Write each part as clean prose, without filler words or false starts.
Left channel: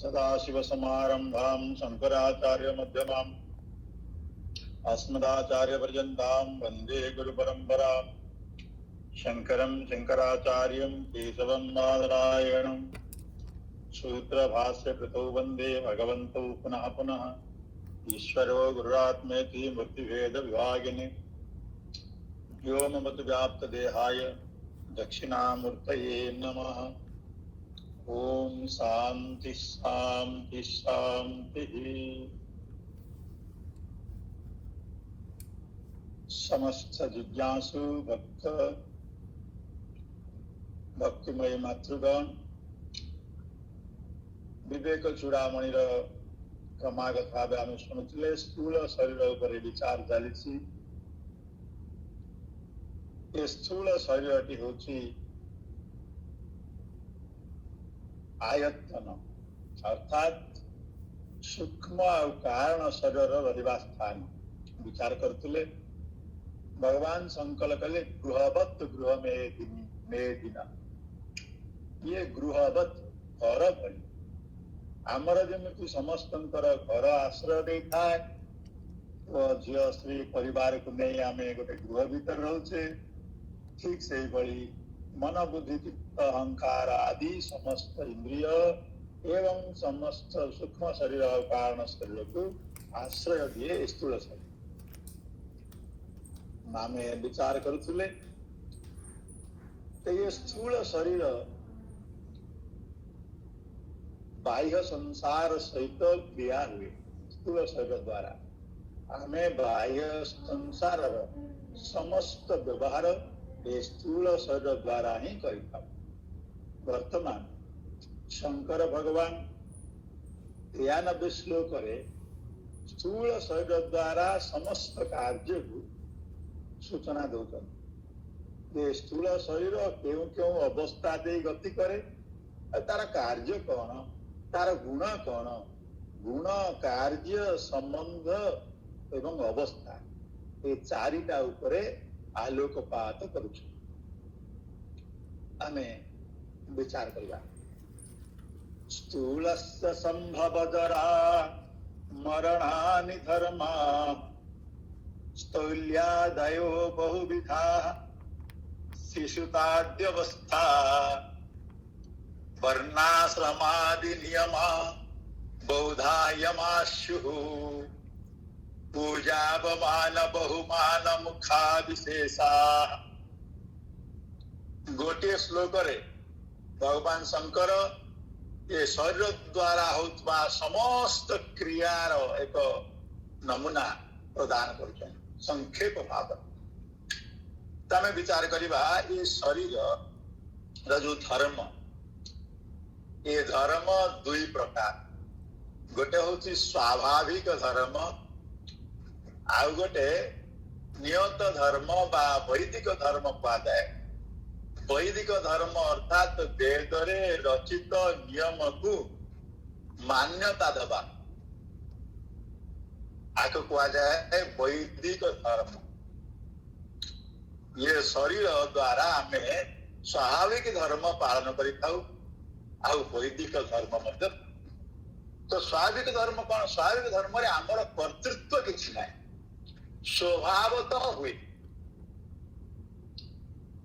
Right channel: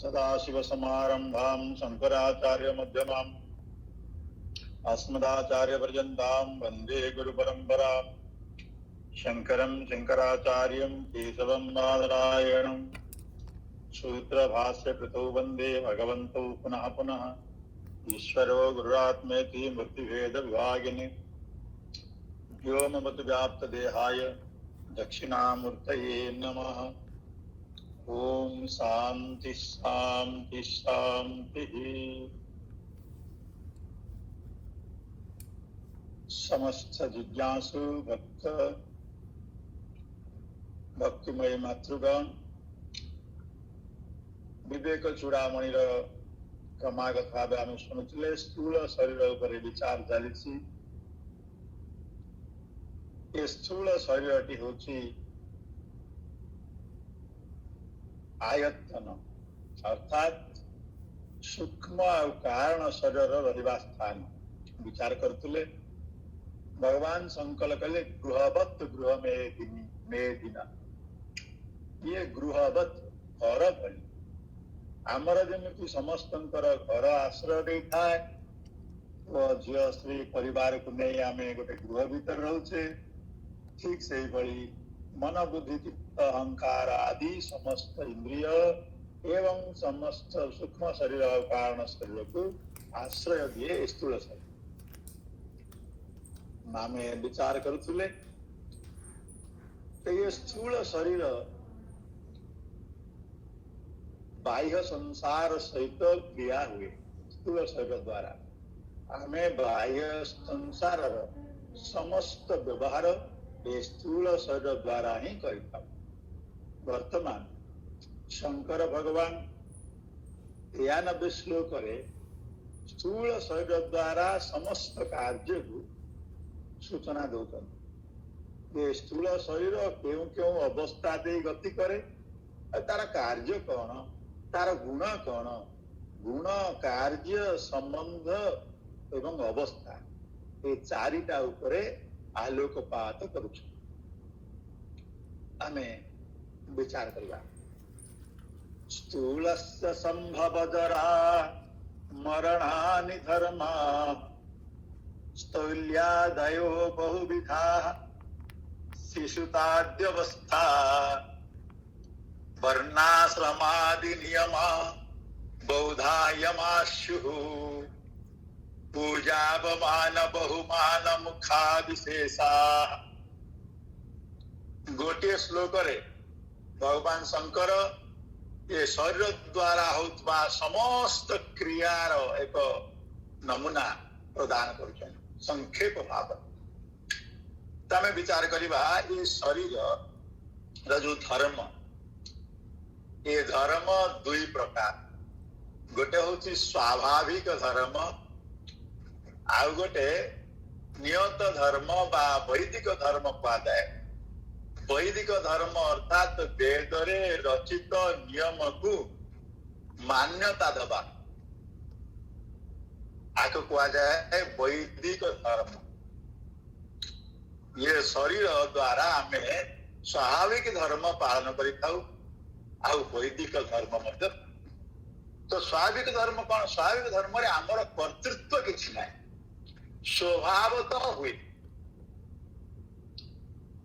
सदाशिवसमारम्भां शङ्कराचार्यमध्यमाम् अस्मदाचार्यपर्यन्तां वन्दे गुरुपरम्पराम्। शङ्करं शङ्कराचार्यं केशवं बादरायणं सूत्रभाष्यकृतौ वन्दे भगवन्तौ पुनः पुनः। ईश्वरो गुरुरात्मेति मूर्तिभेदविभागिने व्योमवद्व्याप्तदेहाय दक्षिणामूर्तये नमः। ओम शांति शांति शांति। समस्त जिज्ञासु भक्तिमय मातृगण विवेक चूड़ामणि क्रमागत भाव आम शुणुले स्थूल शरीर उपर विचार चली। स्थूल शरीर होची आयतन अर्थात सूक्ष्म और कारण शरीर रहा स्थान विचार करते भगवान संकल्प कले गृहवत गृह मेदिना। ये गृहवत घर भली आमर जमी समस्त घर आश्रय दे थाए झील स्त्री परिवार को नहीं आम गोटे गृह भीतर रोचे। ठीक से भली मन बुद्धि चित्त अहंकार आदि समस्त इंद्रिय एवं समस्त सूक्ष्म शरीर और कारण शरीर को आश्रय दिए स्थूल शरीर आम विचार करुले। ये स्थूल शरीर बाह्य संसार सहित क्रिया हुए स्थूल शरीर द्वारा आम बाह्य संसार समस्त व्यवहार स्थूल शरीर द्वारा ही करता। वर्तमान शंकर भगवान 93 श्लोक स्थूल शरीर द्वारा समस्त कार्य को सूचना दौरान स्थूल शरीर क्यों क्यों अवस्था दे गति करे तार कार्य कौन तार गुण कौन गुण कार्य संबंध एवं अवस्था ये चारिटा उपरे आलोकपात करुछु। आमे विचार करवा। स्थूलस्य संभवजरा मरणानि धर्मा स्थौल्यादयो बहुविधा शिशुताद्यवस्था वर्णाश्रमादि नियमा बौधायमाशुः पूजापमान बहुमान मुखा विशेषा। गोटे श्लोक रे भगवान शंकर ये शरीर द्वारा होता समस्त क्रियार एक नमूना प्रदान कर संक्षेप भाव तमें विचार करवा। ये शरीर जो धर्म ये धर्म दुई प्रकार गोटे हूँ स्वाभाविक धर्म आउ गोटे नियत धर्म बा वैदिक धर्म कहुए। वैदिक धर्म अर्थात वेद रे रचित नियम को मान्यता दबा आको कहुए वैदिक धर्म। ये शरीर द्वारा आम स्वाभाविक धर्म पालन करिथाउ आउ वैदिक धर्म मध्य। तो स्वाभाविक धर्म कौन? स्वाभाविक धर्म रे आमर कर्तृत्व किछि नाही स्वभावतः हुए।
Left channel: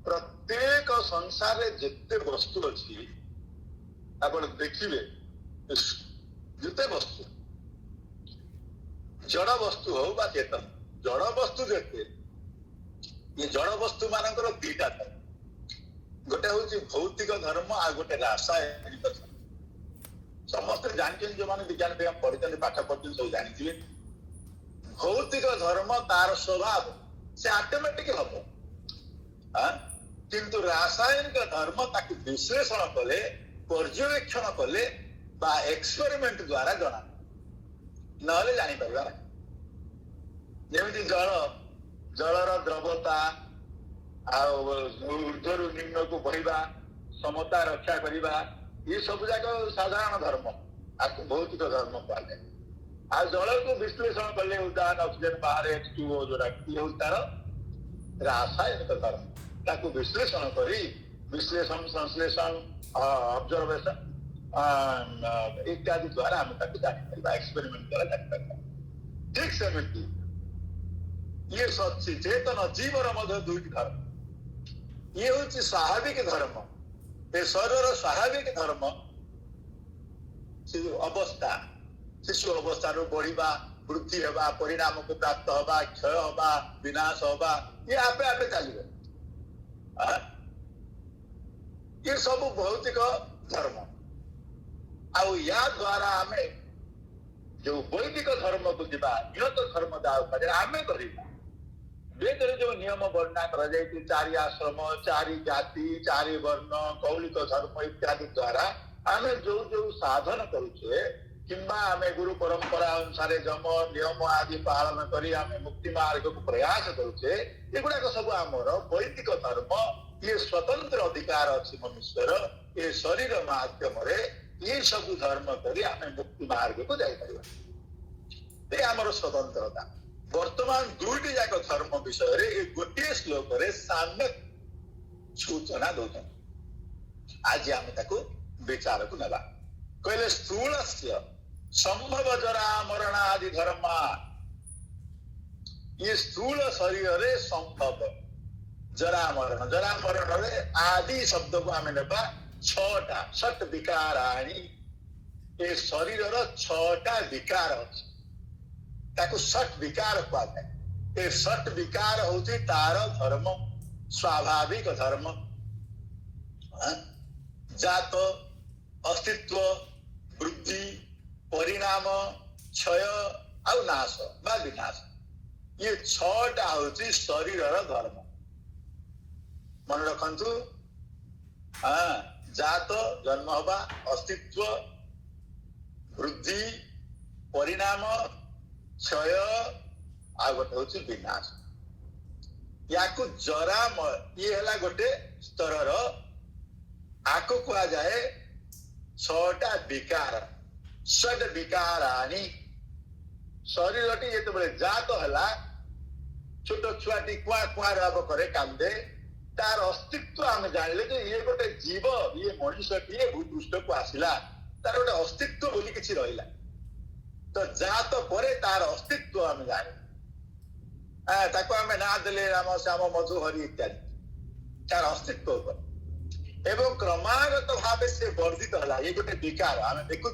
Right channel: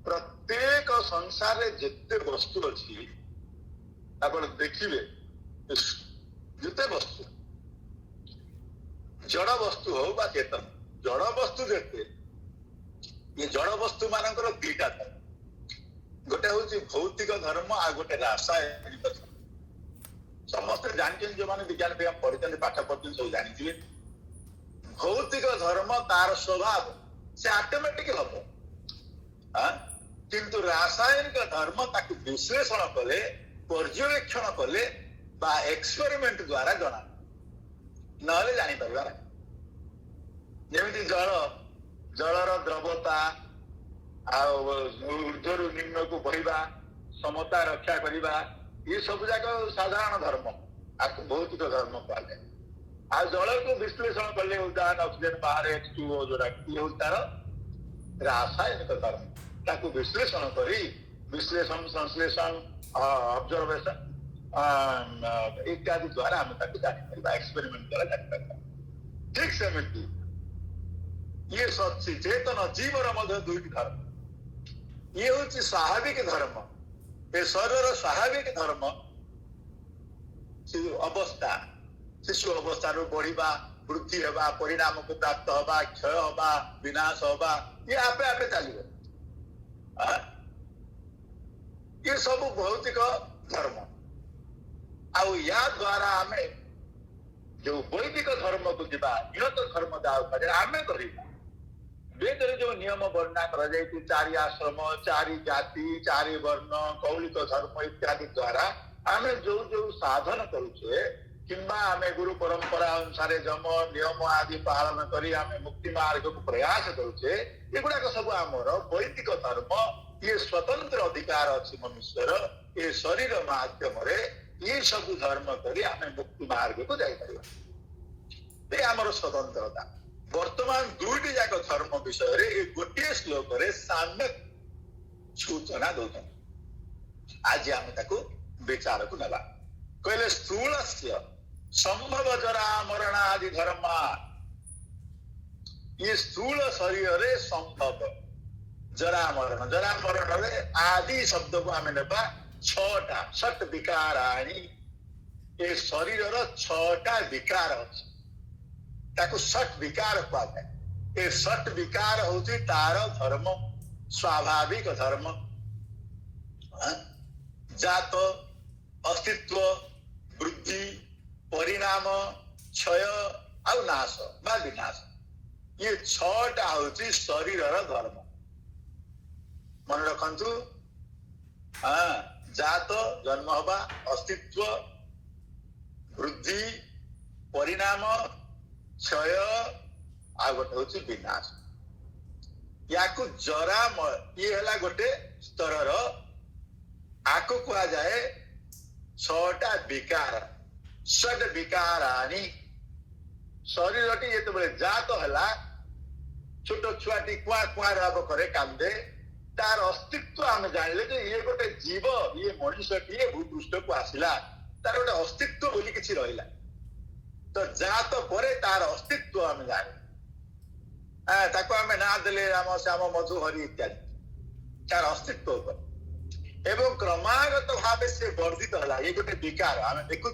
प्रत्येक संसार जिते वस्तु अच्छी आप देखिए जिते वस्तु जड़ वस्तु हो बा चेतन जड़ वस्तु जेते ये जड़ वस्तु मानकर दीटा था गोटे हूँ भौतिक धर्म आ गोटे रासायनिक धर्म। समस्त जानते जो मैंने विज्ञान पढ़ी पाठ पढ़ते सब जानते भौतिक धर्म तार स्वभाव से ऑटोमेटिक हम किंतु रासायनिक धर्म ताकि विश्लेषण कले पर्यवेक्षण कले बा एक्सपेरिमेंट द्वारा जना नले जानी परिबा। जेमिति जल जलर द्रवता ऊर्ध्वरु निम्न को बहिबा समता रक्षा करिबा ये सब जाक साधारण धर्म आपको भौतिक धर्म कहले। आ जल को विश्लेषण कले उदाहरण ऑक्सीजन बाहर H2O जोड़ा ये तार रासायनिक धर्म ताकू विश्लेषण करी विश्लेषण संश्लेषण ऑब्जर्वेशन इत्यादि द्वारा आम जापर एक्सपेरिमेंट द्वारा जापर ठीक सेमती ये चेतन जीवर मध्य दुईटी धर्म ये हूँ स्वाभाविक धर्म ये शरीर स्वाभाविक धर्म अवस्था शिशु अवस्था बढ़ा वृद्धि हवा परिणाम को प्राप्त हवा क्षय हवा विनाश हवा ये आपे आपे चलो ये सब भौतिक धर्म आउ या द्वारा आम जो वैदिक धर्म को जीवा निहत धर्म आम कर वेद जो नियम वर्णना कर चारि आश्रम चारि जाति चारि वर्ण कौलिक धर्म इत्यादि द्वारा आम जो जो साधन करुचे किंबा आम गुरु परंपरा अनुसार जम नियम आदि पालन करी आम मुक्ति मार्ग को प्रयास करुचे एगुड़ाक सब आमर वैदिक धर्म ये स्वतंत्र अधिकार अच्छी मनुष्यर ये शरीर माध्यम ये सब धर्म करी आम मुक्ति मार्ग को जापर आमर स्वतंत्रता वर्तमान दुईटी जाक धर्म विषय गोटे श्लोक साम्य सूचना दौरान आज आम विचार को नवा कहले स्थूल संभव जरा मरणादि धर्म ये स्थूल शरीर संभव जरा मरण रे आदि शब्द को आम नेबा छटा षट विकाराणि ये शरीर छटा विकार अच्छी ताकू षट विकार कहुए ये षट विकार हूँ तार धर्म स्वाभाविक धर्म जात अस्तित्व वृद्धि परिणाम क्षय आउ नाश बा विनाश ये छटा हूँ शरीर धर्म मन रखु जात जन्म हवा अस्तित्व वृद्धि परिणाम क्षय आ गोटे हूँ विनाश या जरा ये है गोटे स्तर आको कह जाए छटा विकार षड विकाराणि शरीर टी जो जात है छोट छुआटी कुआ कुआ राब करे कांदे तार अस्तित्व आम जानिले जे ये गोटे जीव ये मनुष्यटी भूपृष्ठ को आसला तार गोटे अस्तित्व बोली किछि रहिला तो जात परे तार अस्तित्व आम जाने ताको आम ना देले राम श्याम मधु हरि इत्यादि तार अस्तित्व पर एवं क्रमागत भाव से वर्धित है ये गोटे विकार आम देखु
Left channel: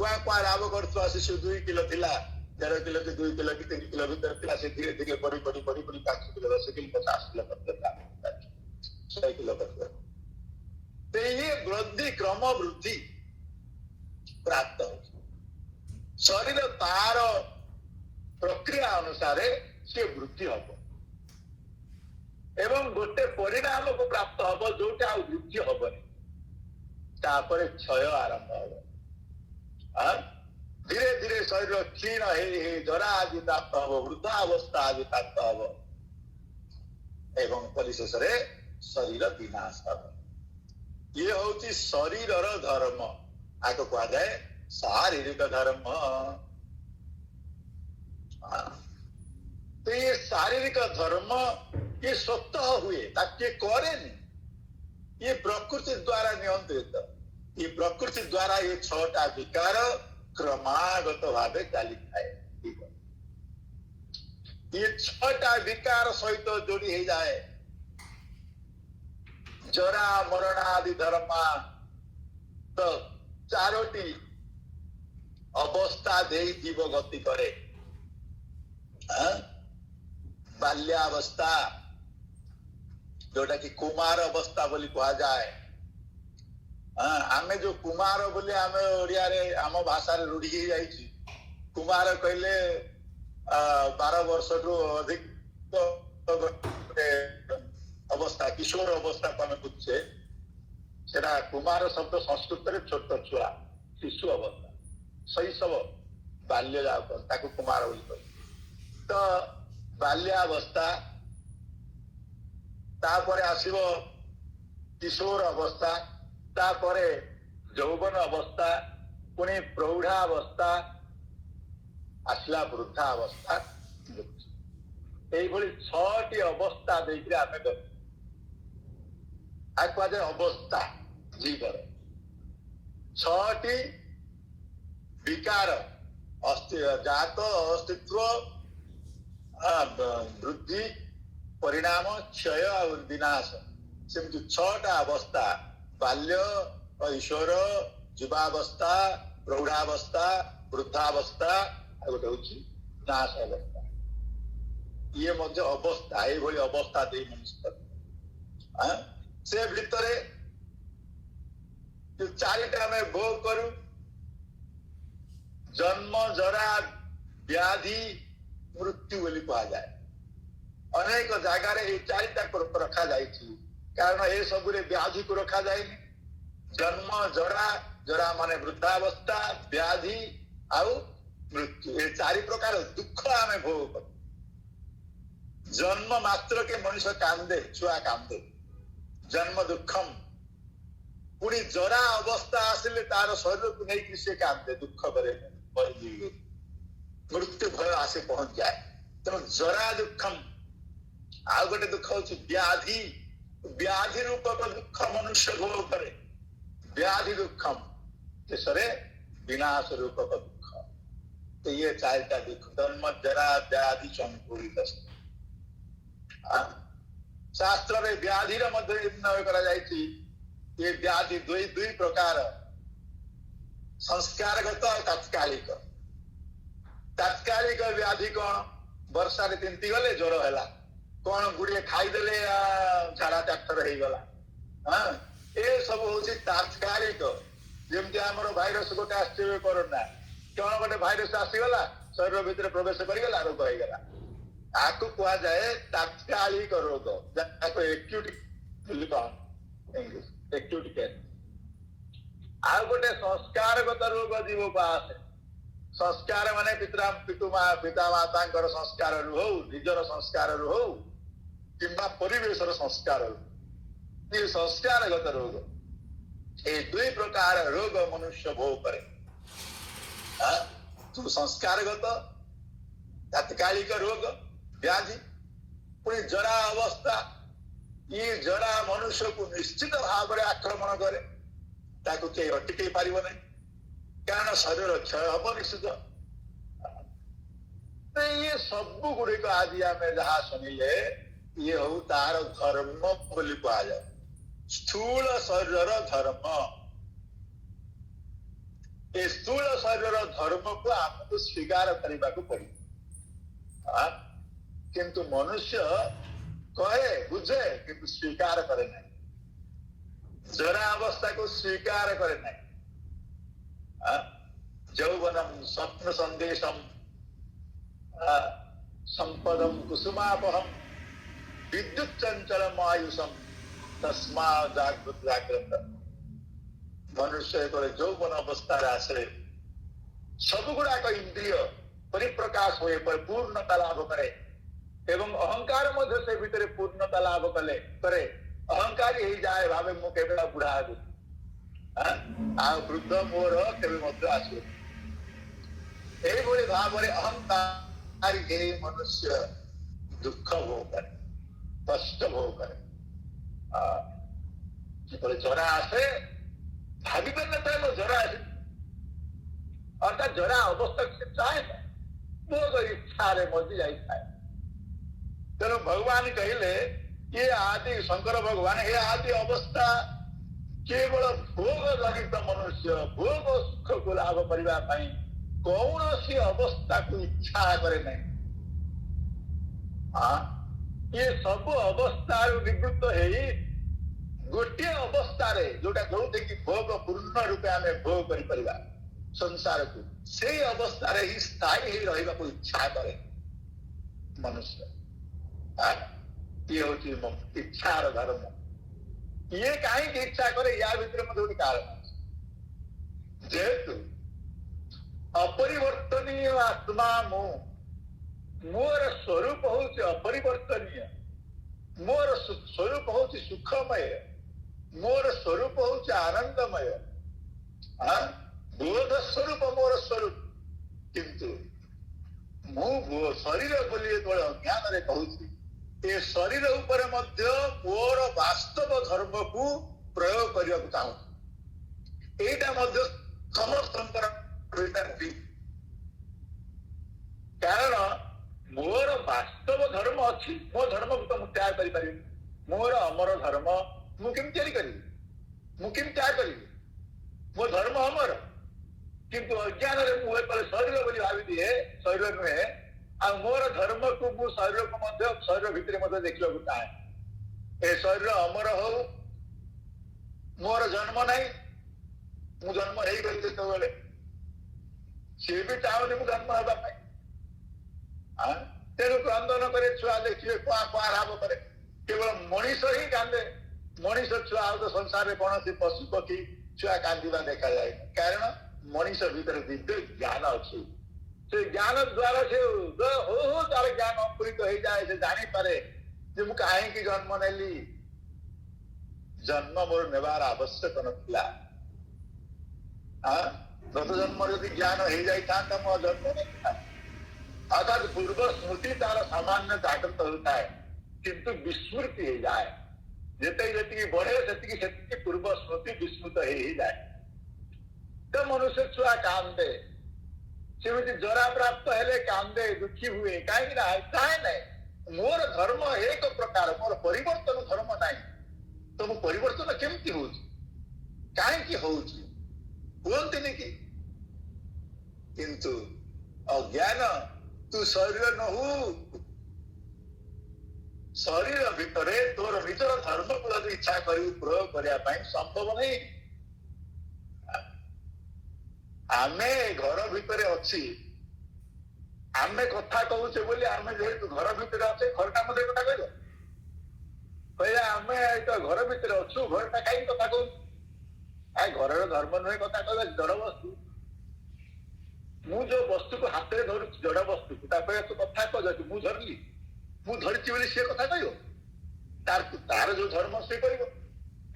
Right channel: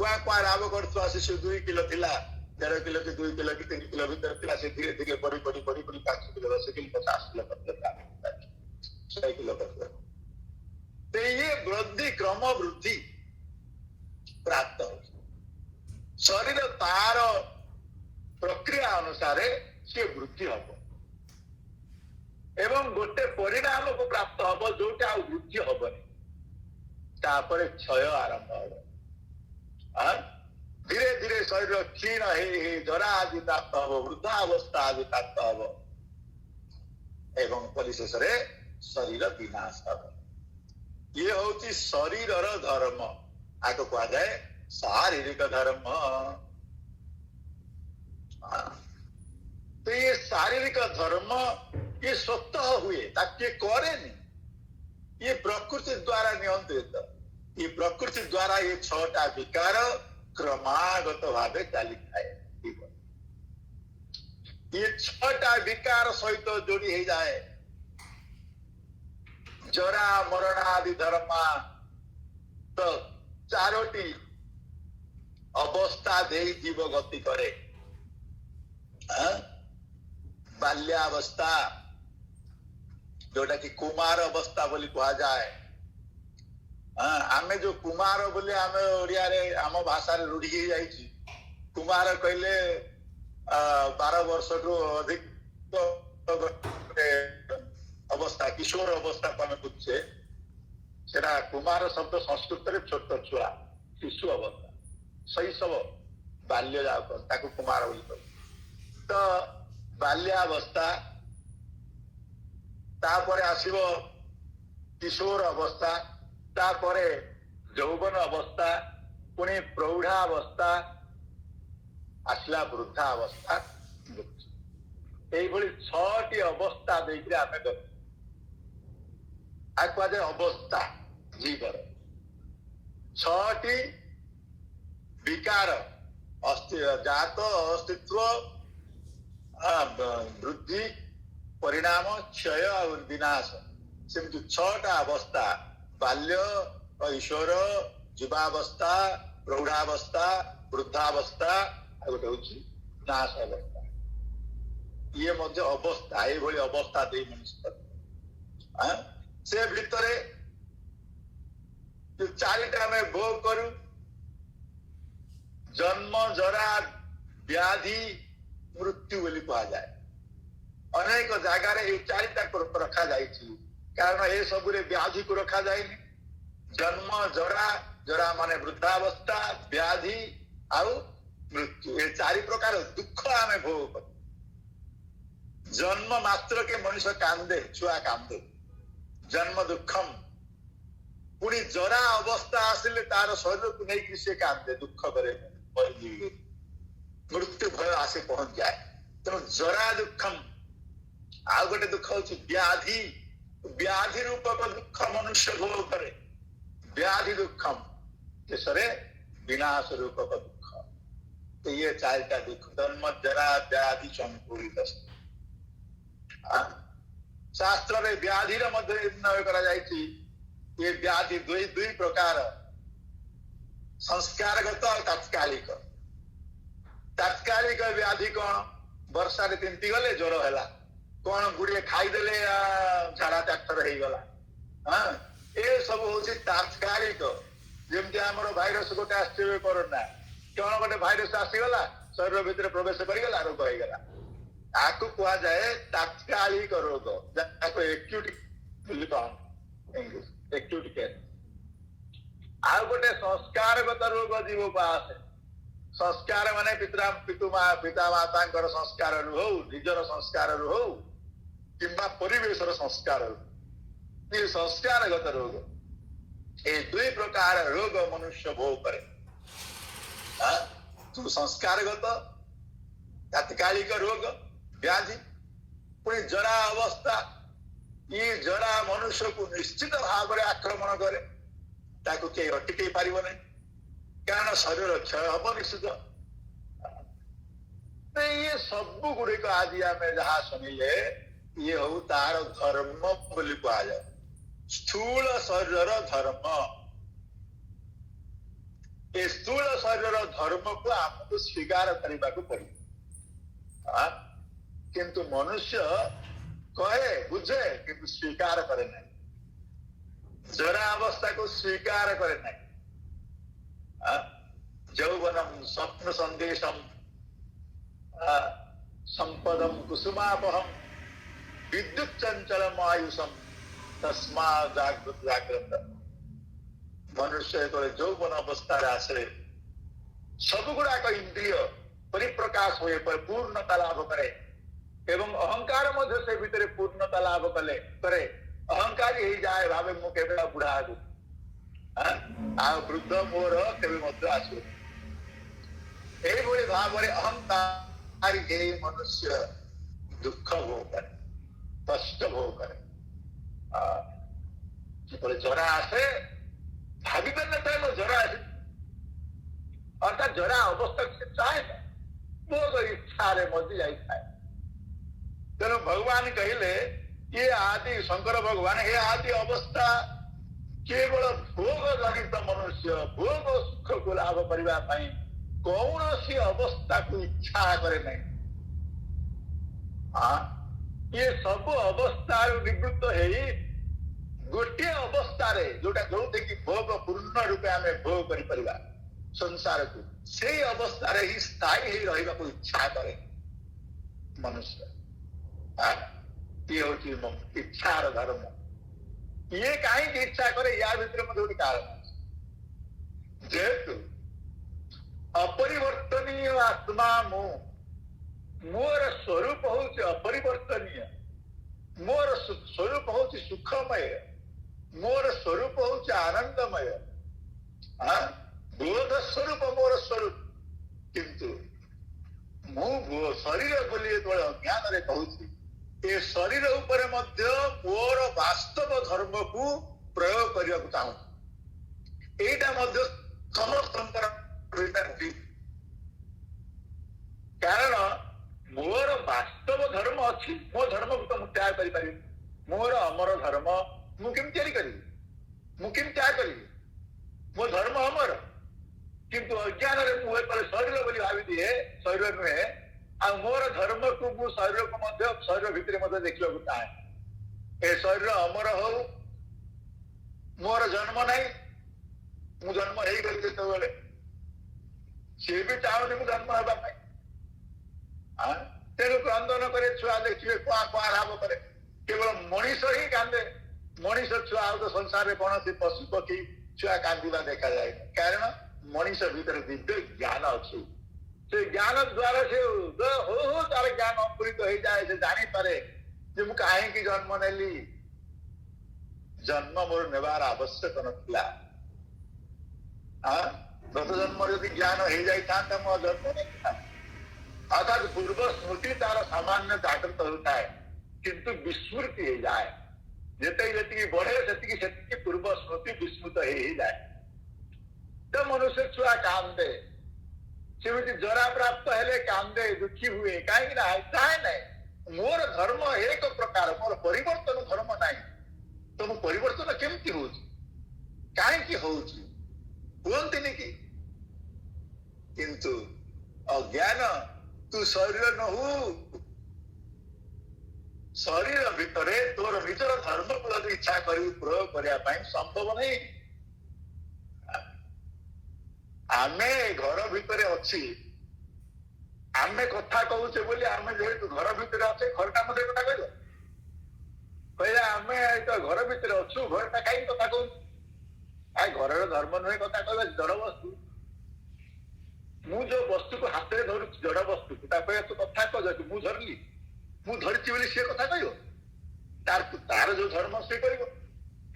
कुआ कुआ राब कर शिशु 2 किलो थिला 13 किलो कि 2 किलो कि 3 किलो भीतर थिला से धीरे धीरे बढ़ी बढ़ी बढ़ी बढ़ी 5 किलो 10 किलो 50 किलो करते 100 किलो करते तो ये वृद्धि क्रम वृद्धि प्राप्त हो शरीर तार प्रक्रिया अनुसार से वृद्धि हम एवं गोटे परिणाम को प्राप्त हम जोटा वृद्धि हेनी तापर क्षय आरंभ हम धीरे धीरे शरीर क्षीण हे जरा आदि प्राप्त हम वृद्धावस्था आदि प्राप्त हम एवं परिशेष शरीर विनाश हम ये हूँ शरीर धर्म आगे कह जाए शारीरिक धर्म तो ये शारीरिक धर्म ये स्वतः हुए ताकि करे ये प्रकृति द्वारा नियंत्रित ये प्रकृति द्वारा ये छटा विकार क्रमागत भावे चली थाए ये छटा विकार सहित जोड़ी हो जाए जरा मरण आदि धर्म तो चारोटी अवस्था दे जीव गति करे बाल्यावस्था जोटा कि कुमार अवस्था बोली कहा जाए आमे जो कुमार बोले आमे ओडिया रे आम भाषा रे रूढ़ी ही जाइछि कुमार कहले 12 वर्ष रु अधिक अवस्था किशोर अवस्था को आमे बुझे सेटा कुमार शब्द संस्कृत रे छोट छुआ शिशु अवस्था शैशव बाल्य जाओ ताकू कुमार बोली कह तो बाल्यावस्था तापरे आसिबो किशोर अवस्था तापरे यौवन अवस्था पुणी प्रौढ़ावस्था आसला वृद्धावस्था यही छटी अवस्था देकर आम कहुए अवस्था जीवर छटी विकार जात अस्तित्व वृद्धि परिणाम क्षय और विनाश सेमती छटा अवस्था बाल्य ऐश्वर युवावस्था प्रौढ़ावस्था वृद्धावस्था गोटे हूँ नाश अवस्था ये मध्य अवस्था ये अवस्था दे मनुष्य से भितर चारिटा आम भोग करू जन्म जरा व्याधि मृत्यु बोली कह जाए अनेक जगार ये चारिटा रखा जाए कारण ये सब व्याधि को रखा जाए जन्म जरा जरा माने वृद्धावस्था व्याधि आउ मृत्यु ये चारि प्रकार दुख आम भोग कर जन्म मात्र के मनुष्य कांदे छुआ कांदे जन्म दुखम पुणी जरा अवस्था आसिले तार शरीर को नहीं से कांदे दुख करे मृत्यु भय आसे पहुंच जाए तेणु जरा दुखम आउ गोटे दुख हूँ व्याधि व्याधि रूपक दुख मनुष्य भोग करे व्याधि दुखम शेषे विनाश रूपक दुख तो ये चारिटा दुख जन्म जरा व्याधि संपूरित शास्त्र में व्याधि निर्णय करा जायछि ये व्याधि दुई प्रकार संस्कारगत और तात्कालिक तात्कालिक व्याधि कौन वर्षा रे तिंती गले ज्वर है कौन गुड़िए खाईदे झाड़ा चाक्टर हो गला हाँ ये सब हूँ तात्कालिक जमती आम भाइरस गोटे आसवे कोरोना कौन गोटे भाइरस आसीगला शरीर भितर प्रवेश करगला रोग होगा आपको कह जाए तात्कालिक रोग एक्यूट केयर आउ गोटे संस्कारगत रोग जीव को आसे संस्कार माने पिता माता संस्कार हो निजर संस्कार हो कि परिवेश संस्कार ये संस्कारगत रोग ये दुई प्रकार रोग मनुष्य भोग करे तू संस्कारगत तात्कालिक रोग व्याधि पुणी जरा अवस्था ये जरा मनुष्य को निश्चित भाव में आक्रमण करे ताकू के अटके पार नहीं कारण शरीर क्षय हम निश्चित ये सब गुड़िक आज आम जहाँ शुणिले ये हूँ तार धर्म बोली कह जाए स्थूल शरीर धर्म ये स्थूल शरीर धर्म को आमको स्वीकार करने को पड़े किंतु मनुष्य कहे बुझे किंतु स्वीकार करे नहीं जरा अवस्था को स्वीकार करे नहीं यौवनम स्वप्न संदेशम संपदम कुसुमापहम विद्युत चंचलम आयुषम तस्मा जागृत जागृत मनुष्य तो यौवन अवस्था आसे सब गुड़ाक इंद्रिय परिप्रकाश हुए पर पूर्णता लाभ करे एवं अहंकार मध्य से भीतर पूर्णता लाभ कले करे अहंकारी ही जाए भावे मु केवल बुढ़ा आगु आ वृद्ध मोर केवल आसु यही भाव में अहंकारी मनुष्य दुख भोग करे कष्ट भोग करे जरा आसे भावी पारे जरा आसे अर्थात जरा अवस्था से चाहे भोग इच्छा मजी जाए तेणु भगवान कहले ये आदि शंकर भगवान ये आदि अवस्था केवल भोग जनित मनुष्य भोग सुख को लाभ करने कौन सी अवस्था को इच्छा करे नहीं ये सब अवस्था निवृत्त है गोटे अवस्था जोटा जो भोग पूर्ण रूपे आम भोग कर संसार को से अवस्था ही स्थायी रहा इच्छा करे मनुष्य ये हूँ इच्छार धर्म ये कहीं इच्छा करे या भीतर गोटे कारण जेहेतु अपरिवर्तनीय आत्मा मोर स्वरूप हूँ अपरिवर्तनीय मोर स्वरूप हूँ सुखमय मोर स्वरूप हूँ आनंदमय बोध स्वरूप मोर स्वरूप किंतु मु शरीर बोली ज्ञान रे कहूँ ये शरीर उपरे मध्य मोर वास्तव धर्म को प्रयोग करने को चाहूँ এইটা মধ্যে ସମସ୍ତଙ୍କର କାରଣ ମୋର ବାସ୍ତବ ଧର୍ମ ଅଛି, ମୋ ଧର୍ମକୁ ତ ମୁଁ ତ୍ୟାଗ କରିପାରିବି। ମୋର ଅମର ଧର୍ମ ମୁଁ କେମିତି ତିଆରି କରିବି, ମୁଁ କେମିତି ତ୍ୟାଗ କରିବି? ମୋ ଧର୍ମ ଅମର, କିନ୍ତୁ ଅଜ୍ଞାନରେ ମୁଁ ଏପଟେ ଶରୀର ବୋଲି ଭାବିଦିଏ, ଶରୀର ନୁହେଁ। ଆଉ ମୋର ଧର୍ମକୁ ମୁଁ ଶରୀରକୁ ମଧ୍ୟ ଶରୀର ଭିତରେ ମଧ୍ୟ ଦେଖିବାକୁ ଚାହେଁ। ଏ ଶରୀର ଅମର ହଉ, ମୋର ଜନ୍ମ ନାହିଁ, ମୁଁ ଜନ୍ମ ହେଇଗଲି ଯେତେବେଳେ ସିଏ ବି ଚାହୁଁନି ମୁଁ ଜନ୍ମ ହେବା ପାଇଁ। ତେଣୁ କ୍ରନ୍ଦନ କରେ, ଛୁଆ ଦେଖିବେ କୁଆ କୁଆ ରାବ କରେ। କେବଳ ମଣିଷ ହିଁ କାନ୍ଦେ, ମଣିଷ ଛୁଆ। ଆଉ ତ ସଂସାରରେ କୌଣସି ପଶୁ ପକ୍ଷୀ ଛୁଆ କାନ୍ଦିବା ଦେଖାଯାଏ, କାରଣ ମଣିଷ ଭିତରେ ଦିବ୍ୟ ଜ୍ଞାନ ଅଛି। ସେ ଜ୍ଞାନ ଦ୍ଵାରା ସେ ହଉ ହଉ ତାର ଜ୍ଞାନ ଅଙ୍କୁରିତ ହେଇଯାଏ। ସେ ଜାଣିପାରେ ଯେ ମୁଁ କାହିଁକି ଜନ୍ମ ନେଲି, ଜନ୍ମ ମୋର ନେବାର ଆବଶ୍ୟକ ନଥିଲା। ଗତ ଜନ୍ମରେ ଯଦି ଜ୍ଞାନ ହେଇଯାଇଥାନ୍ତା ମୋ ଜନ୍ମ ନେଇଥାନ୍ତା। ଅର୍ଥାତ୍ ପୂର୍ବ ସ୍ମୃତି ତାର ସାମାନ୍ୟ ଜାଗ୍ରତ ହେଉଥାଏ, କିନ୍ତୁ ବିସ୍ମୃତି ହେଇଯାଏ। ଯେତିକି ବଢେ ସେତିକି ପୂର୍ବ ସ୍ମୃତି ବିସ୍ମୃତ ହେଇଯାଏ। ତ ମନୁଷ୍ୟ ଛୁଆ କାନ୍ଦେ, ସେମିତି ଜରା ପ୍ରାପ୍ତ ହେଲେ କାନ୍ଦେ, ଦୁଃଖୀ ହୁଏ। କାହିଁକି ନା ଚାହେଁ ନାହିଁ ମୋର ଧର୍ମ ଏକ ପ୍ରକାର, ମୋର ପରିବର୍ତ୍ତନ ଧର୍ମ ନାହିଁ। ତ ମୁଁ ପରିବର୍ତ୍ତନ କେମିତି ହଉଛି, କାହିଁକି ହଉଛି କୁହନ୍ତିନି କି? କିନ୍ତୁ ଅଜ୍ଞାନ ତୁ ଶରୀର ନହୁ, ଶରୀର ଭିତରେ ତୋର ନିଜର ଧର୍ମକୁ ଯଦି ଇଚ୍ଛା କରିବୁ ପ୍ରୟୋଗ କରିବା ପାଇଁ ସମ୍ଭବ ନାହିଁ। ଆମେ ଘର ଭିତରେ ଅଛି, ଆମେ କଥା କହୁଛେ ବୋଲି, ଆମେ ଯେହେତୁ ଘର ଭିତରେ ଅଛେ, ଘରଟା ମଧ୍ୟ କଥା କହିବ। କହିଲେ ଆମେ ତ ଘର ଭିତରେ ଅଛୁ, ଘରଟା କାହିଁକି କଥା କହୁଛୁ? ଘରର ଧର୍ମ ନୁହେଁ କଥା କହିବା, ଜଡ ବସ୍ତୁ। ମୁଁ ଯୋଉ ବସ୍ତୁକୁ ହାତରେ ଧରୁଛି, ଜଡ ବସ୍ତୁକୁ, ତାପରେ ତୁ କଥା କହୁଛୁ, ମୁଁ ଧରିଲି, ମୁଁ ଧରିଛି ବୋଲି ସିଏ କଥା କହିବ? ତାର ଯୋଉ ଧର୍ମ ସିଏ କରିବ।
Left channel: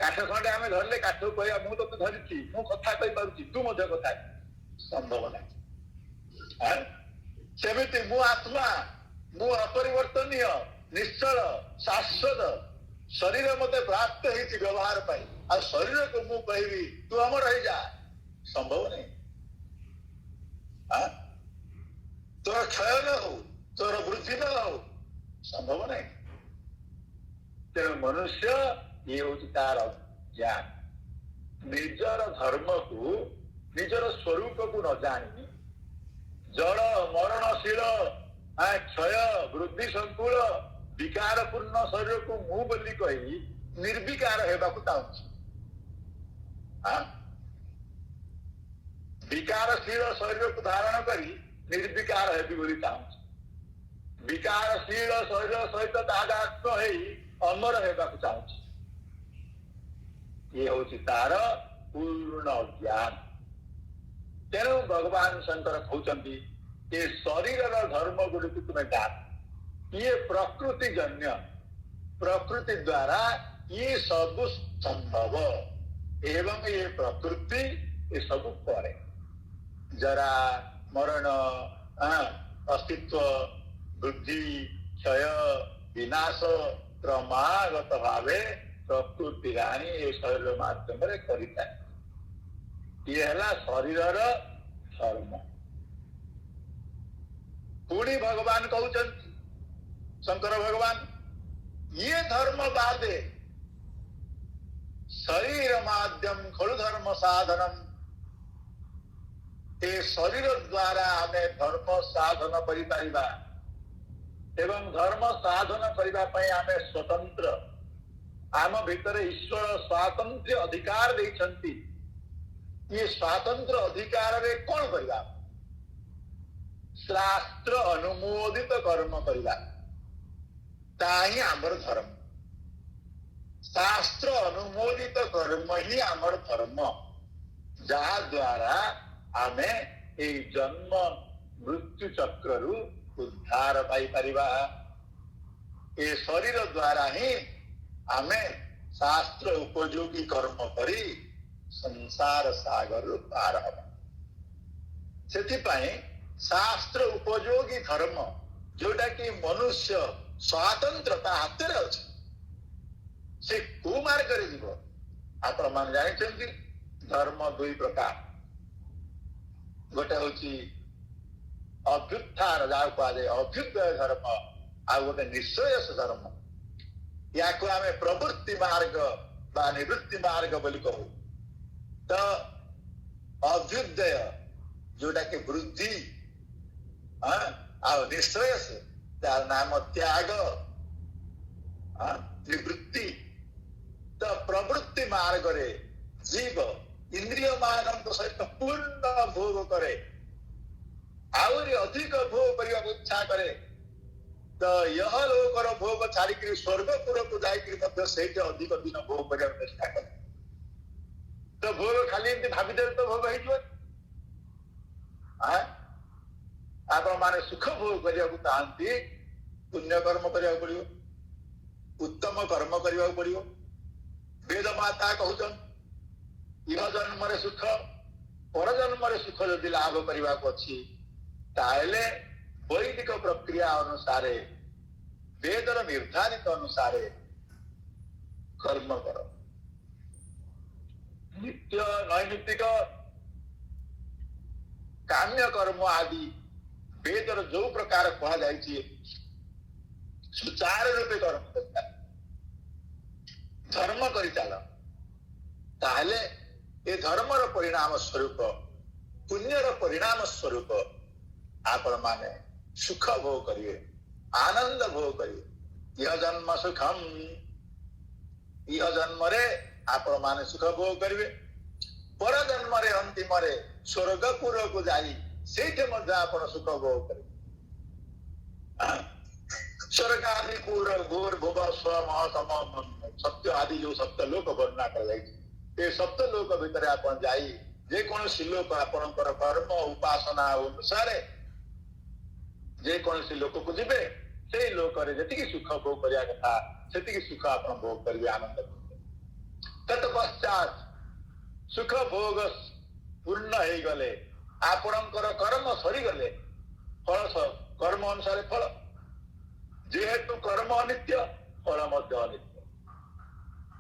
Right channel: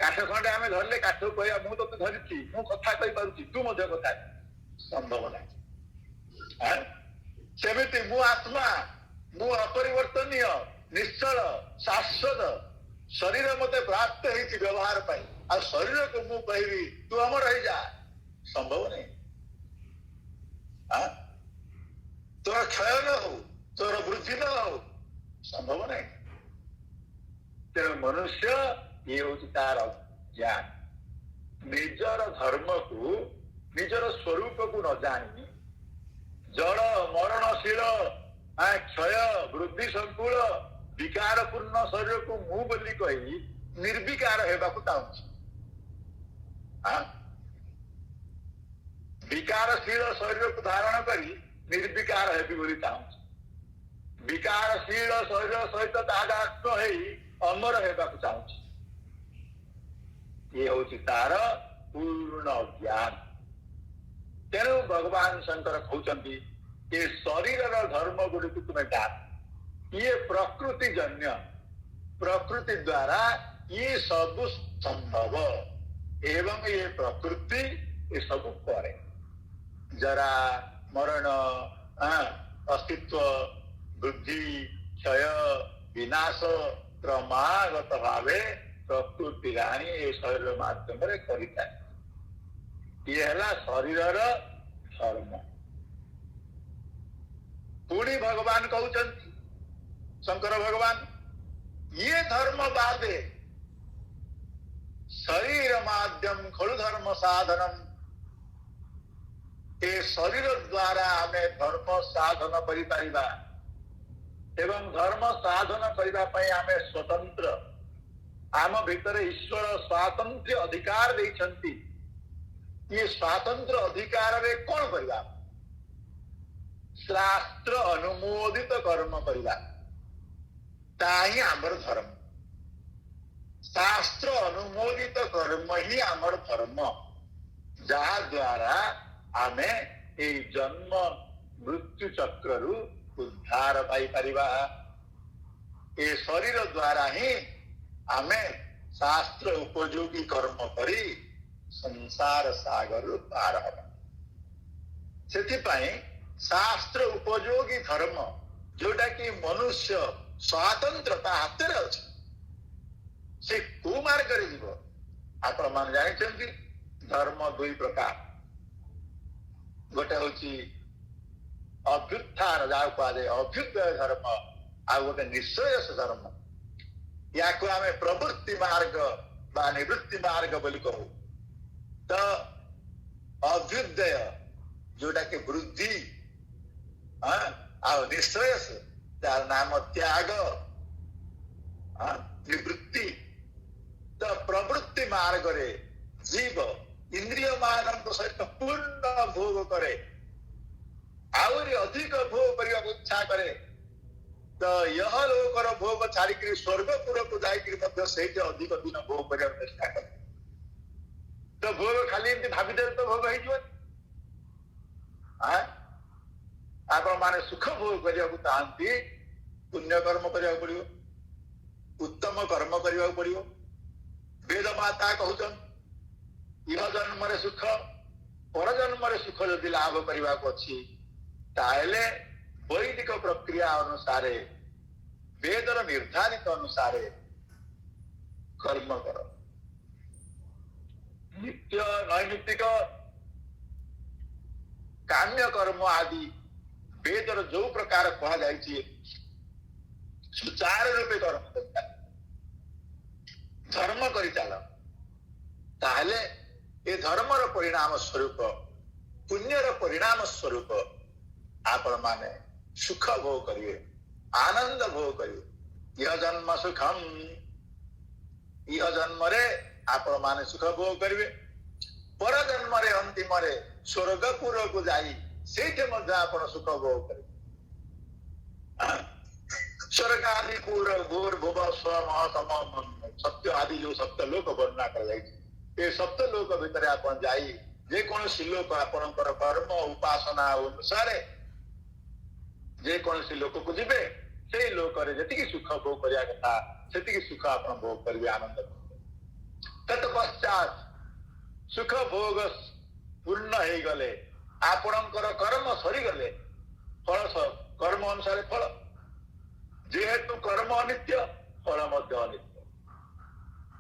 କାଠ ଖଣ୍ଡେ ଆମେ ଧରିଲେ କାଠକୁ କହିବା ମୁଁ ତତେ ଧରିଛି, ମୁଁ କଥା କହିପାରୁଛି, ତୁ ମଧ୍ୟ କଥା ସମ୍ଭବ ନାହିଁ। ସେମିତି ମୁଁ ଆତ୍ମା, ମୁଁ ଅପରିବର୍ତ୍ତନୀୟ, ନିଶ୍ଚଳ, ଶାଶ୍ୱତ। ଶରୀର ମତେ ପ୍ରାପ୍ତ ହେଇଛି ବ୍ୟବହାର ପାଇଁ, ଆଉ ଶରୀରକୁ ମୁଁ କହିବି ତୁ ଅମର ହେଇଯା, ସମ୍ଭବ ନାହିଁ। ତୋର କ୍ଷୟ ନ ହଉ, ତୋର ବୃଦ୍ଧି ନ ହଉ, ସମ୍ଭବ ନାହିଁ। ତେଣୁ ମନୁଷ୍ୟ ଇଏ ହଉଛି ତାର ଜ୍ଞାନ। ନିଜର ଧର୍ମକୁ, ନିଜର ସ୍ୱରୂପକୁ ନ ଜାଣି ଜଳ ମରଣଶୀଳ, କ୍ଷୟ ବୃଦ୍ଧି ସଂକୁଳ ବିକାର ପୂର୍ଣ୍ଣ ଶରୀରକୁ ମୁଁ ବୋଲି କହି ନିର୍ବିକାର ହେବାକୁ ଚାହୁଁଛି। ବିକାରଶୀଳ ଶରୀରକୁ ଧାରଣ କରି ନିର୍ବିକାର ହେବି ବୋଲି ଚାହୁଁଛି। ବିକାରଶୀଳ ଶରୀର ସହିତ ତାଦାତ୍ମ୍ୟ ହେଇ ଅମର ହେବାକୁ ଚାହୁଁଛି। ଇଏ ହଉଛି ତାର ପୂର୍ଣ୍ଣ ଜ୍ଞାନ। ତେଣୁ ଭଗବାନ ଶଙ୍କର କହୁଛନ୍ତି ଏ ଶରୀରର ଧର୍ମ ଗୁଡ଼ିକୁ ତୁମେ ଜାଣ। ଇଏ ପ୍ରକୃତି ଜନ୍ୟ, ପ୍ରକୃତି ଦ୍ୱାରା ଇଏ ସବୁ ସମ୍ଭବ। ଏବଂ ଏ ପ୍ରକୃତି ଏ ସବୁ କରେ। ଜରା ମରଣ, ଅସ୍ତିତ୍ୱ, ବୃଦ୍ଧି, କ୍ଷୟ, ବିନାଶ କ୍ରମାଗତ ଭାବେ ପ୍ରକୃତି ରାଣୀ ଏ ଶରୀର ମାଧ୍ୟମରେ କରିଥାଏ। ଇଏ ହେଲା ଶରୀରର ଧର୍ମ। ପୁଣି ଭଗବାନ କହୁଛନ୍ତି, ଶଙ୍କର ଭଗବାନ, ଇଏ ଧର୍ମ ବାଦେ ଶରୀର ମାଧ୍ୟମ ଖଳୁ ଧର୍ମ ସାଧନମ। ଏ ଶରୀର ଦ୍ୱାରା ଆମେ ଧର୍ମ ସାଧନ କରିପାରିବା ଏବଂ ଧର୍ମ ସାଧନ କରିବା ପାଇଁ ଆମେ ସ୍ୱତନ୍ତ୍ର। ଆମ ଭିତରେ ଈଶ୍ୱର ସ୍ୱାତନ୍ତ୍ର୍ୟ ଅଧିକାର ଦେଇଛନ୍ତି। ଇଏ ସ୍ୱାତନ୍ତ୍ର ଅଧିକାରରେ କଣ କରିବା? ଶାସ୍ତ୍ର ଅନୁମୋଦିତ କର୍ମ କରିବା, ତା ହିଁ ଆମର ଧର୍ମ। ଶାସ୍ତ୍ର ଅନୁମୋଦିତ କର୍ମ ହିଁ ଆମର ଧର୍ମ, ଯାହା ଦ୍ୱାରା ଆମେ ଏଇ ଜନ୍ମ ମୃତ୍ୟୁ ଚକ୍ରରୁ ଉଦ୍ଧାର ପାଇପାରିବା। ଏ ଶରୀର ଦ୍ୱାରା ହିଁ ଆମେ ଶାସ୍ତ୍ର ଉପଯୋଗୀ କର୍ମ କରି ସଂସାର ସାଗରରୁ ପାର ହେବା। ସେଥିପାଇଁ ଶାସ୍ତ୍ର ଉପଯୋଗୀ ଧର୍ମ, ଯୋଉଟା କି ମନୁଷ୍ୟ ସ୍ୱାତନ୍ତ୍ର ତା ହାତରେ ଅଛି, ସେ କୋଉ ମାର୍ଗରେ ଯିବ? ଆପଣ ମାନେ ଜାଣିଛନ୍ତି, धर्म दुई प्रकार, गोटे हूँ अभ्युत्थान जहाँ कहुए अभ्युदय धर्म, आ गोटे निश्चयस धर्म। या आम प्रवृत्ति मार्ग बा निवृत्ति मार्ग बोली कहू। तो अभ्युदय जोटा कि वृद्धि, आ निश्चयस तार नाम त्याग, निवृत्ति। तो प्रवृत्ति मार्ग रे जीव इंद्रिय मान सहित पूर्ण भोग करे, आहरी अधिक भोग करने को इच्छा करे। तो यह लोकर भोग छाड़ी स्वर्गपुर को जाकर अधिक दिन भोग करने चेष्टा करे। तो भोग खाली एमती भाविदे तो भोग हो आपण माने सुख भोग करने को चाहती, पुण्य कर्म करने पड़ो, उत्तम कर्म करने पड़ो। वेद माता कहउछन यह जन्म सुख पर जन्म सुख जदि लाभ करने को अच्छी ताहले वैदिक प्रक्रिया अनुसार वेदर निर्धारित अनुसार कर्म कर। नित्य नैमित्तिक काम्य कर्म आदि वेदर जो प्रकार कहा जाए सुचार रूपे कर्म कर धर्म कर चल, ताहले ये धर्मर परिणाम स्वरूप पुण्यर परिणाम स्वरूप आपण माने सुख भोग करिए, आनंद भोग करिए। यह जन्म सुखम, यह जन्म रे आपण माने सुख भोग करिए, पर जन्म रे अंतिम रे स्वर्गपुर को जाई सेठे मध्य आपण सुख भोग करिए। स्वर्ग आदि पूर घोर भुव स्व महतम सत्य आदि जो सप्त लोक वर्णना कर ये सप्त लोक भितर आपण जाई जे कौन लोक आपणकर कर्म उपासना अनुसार जे कौन लोक को जीवे से लोक जी सुख भोग करने कथा से सुख आप भोग करेंगे, आनंद। तत्पश्चात सुख भोग पूर्ण हो गले आपणकर कर्म सरीगले फल कर्म अनुसार फल, जेहेतु कर्म अनित्य फल मध्य अनित्य।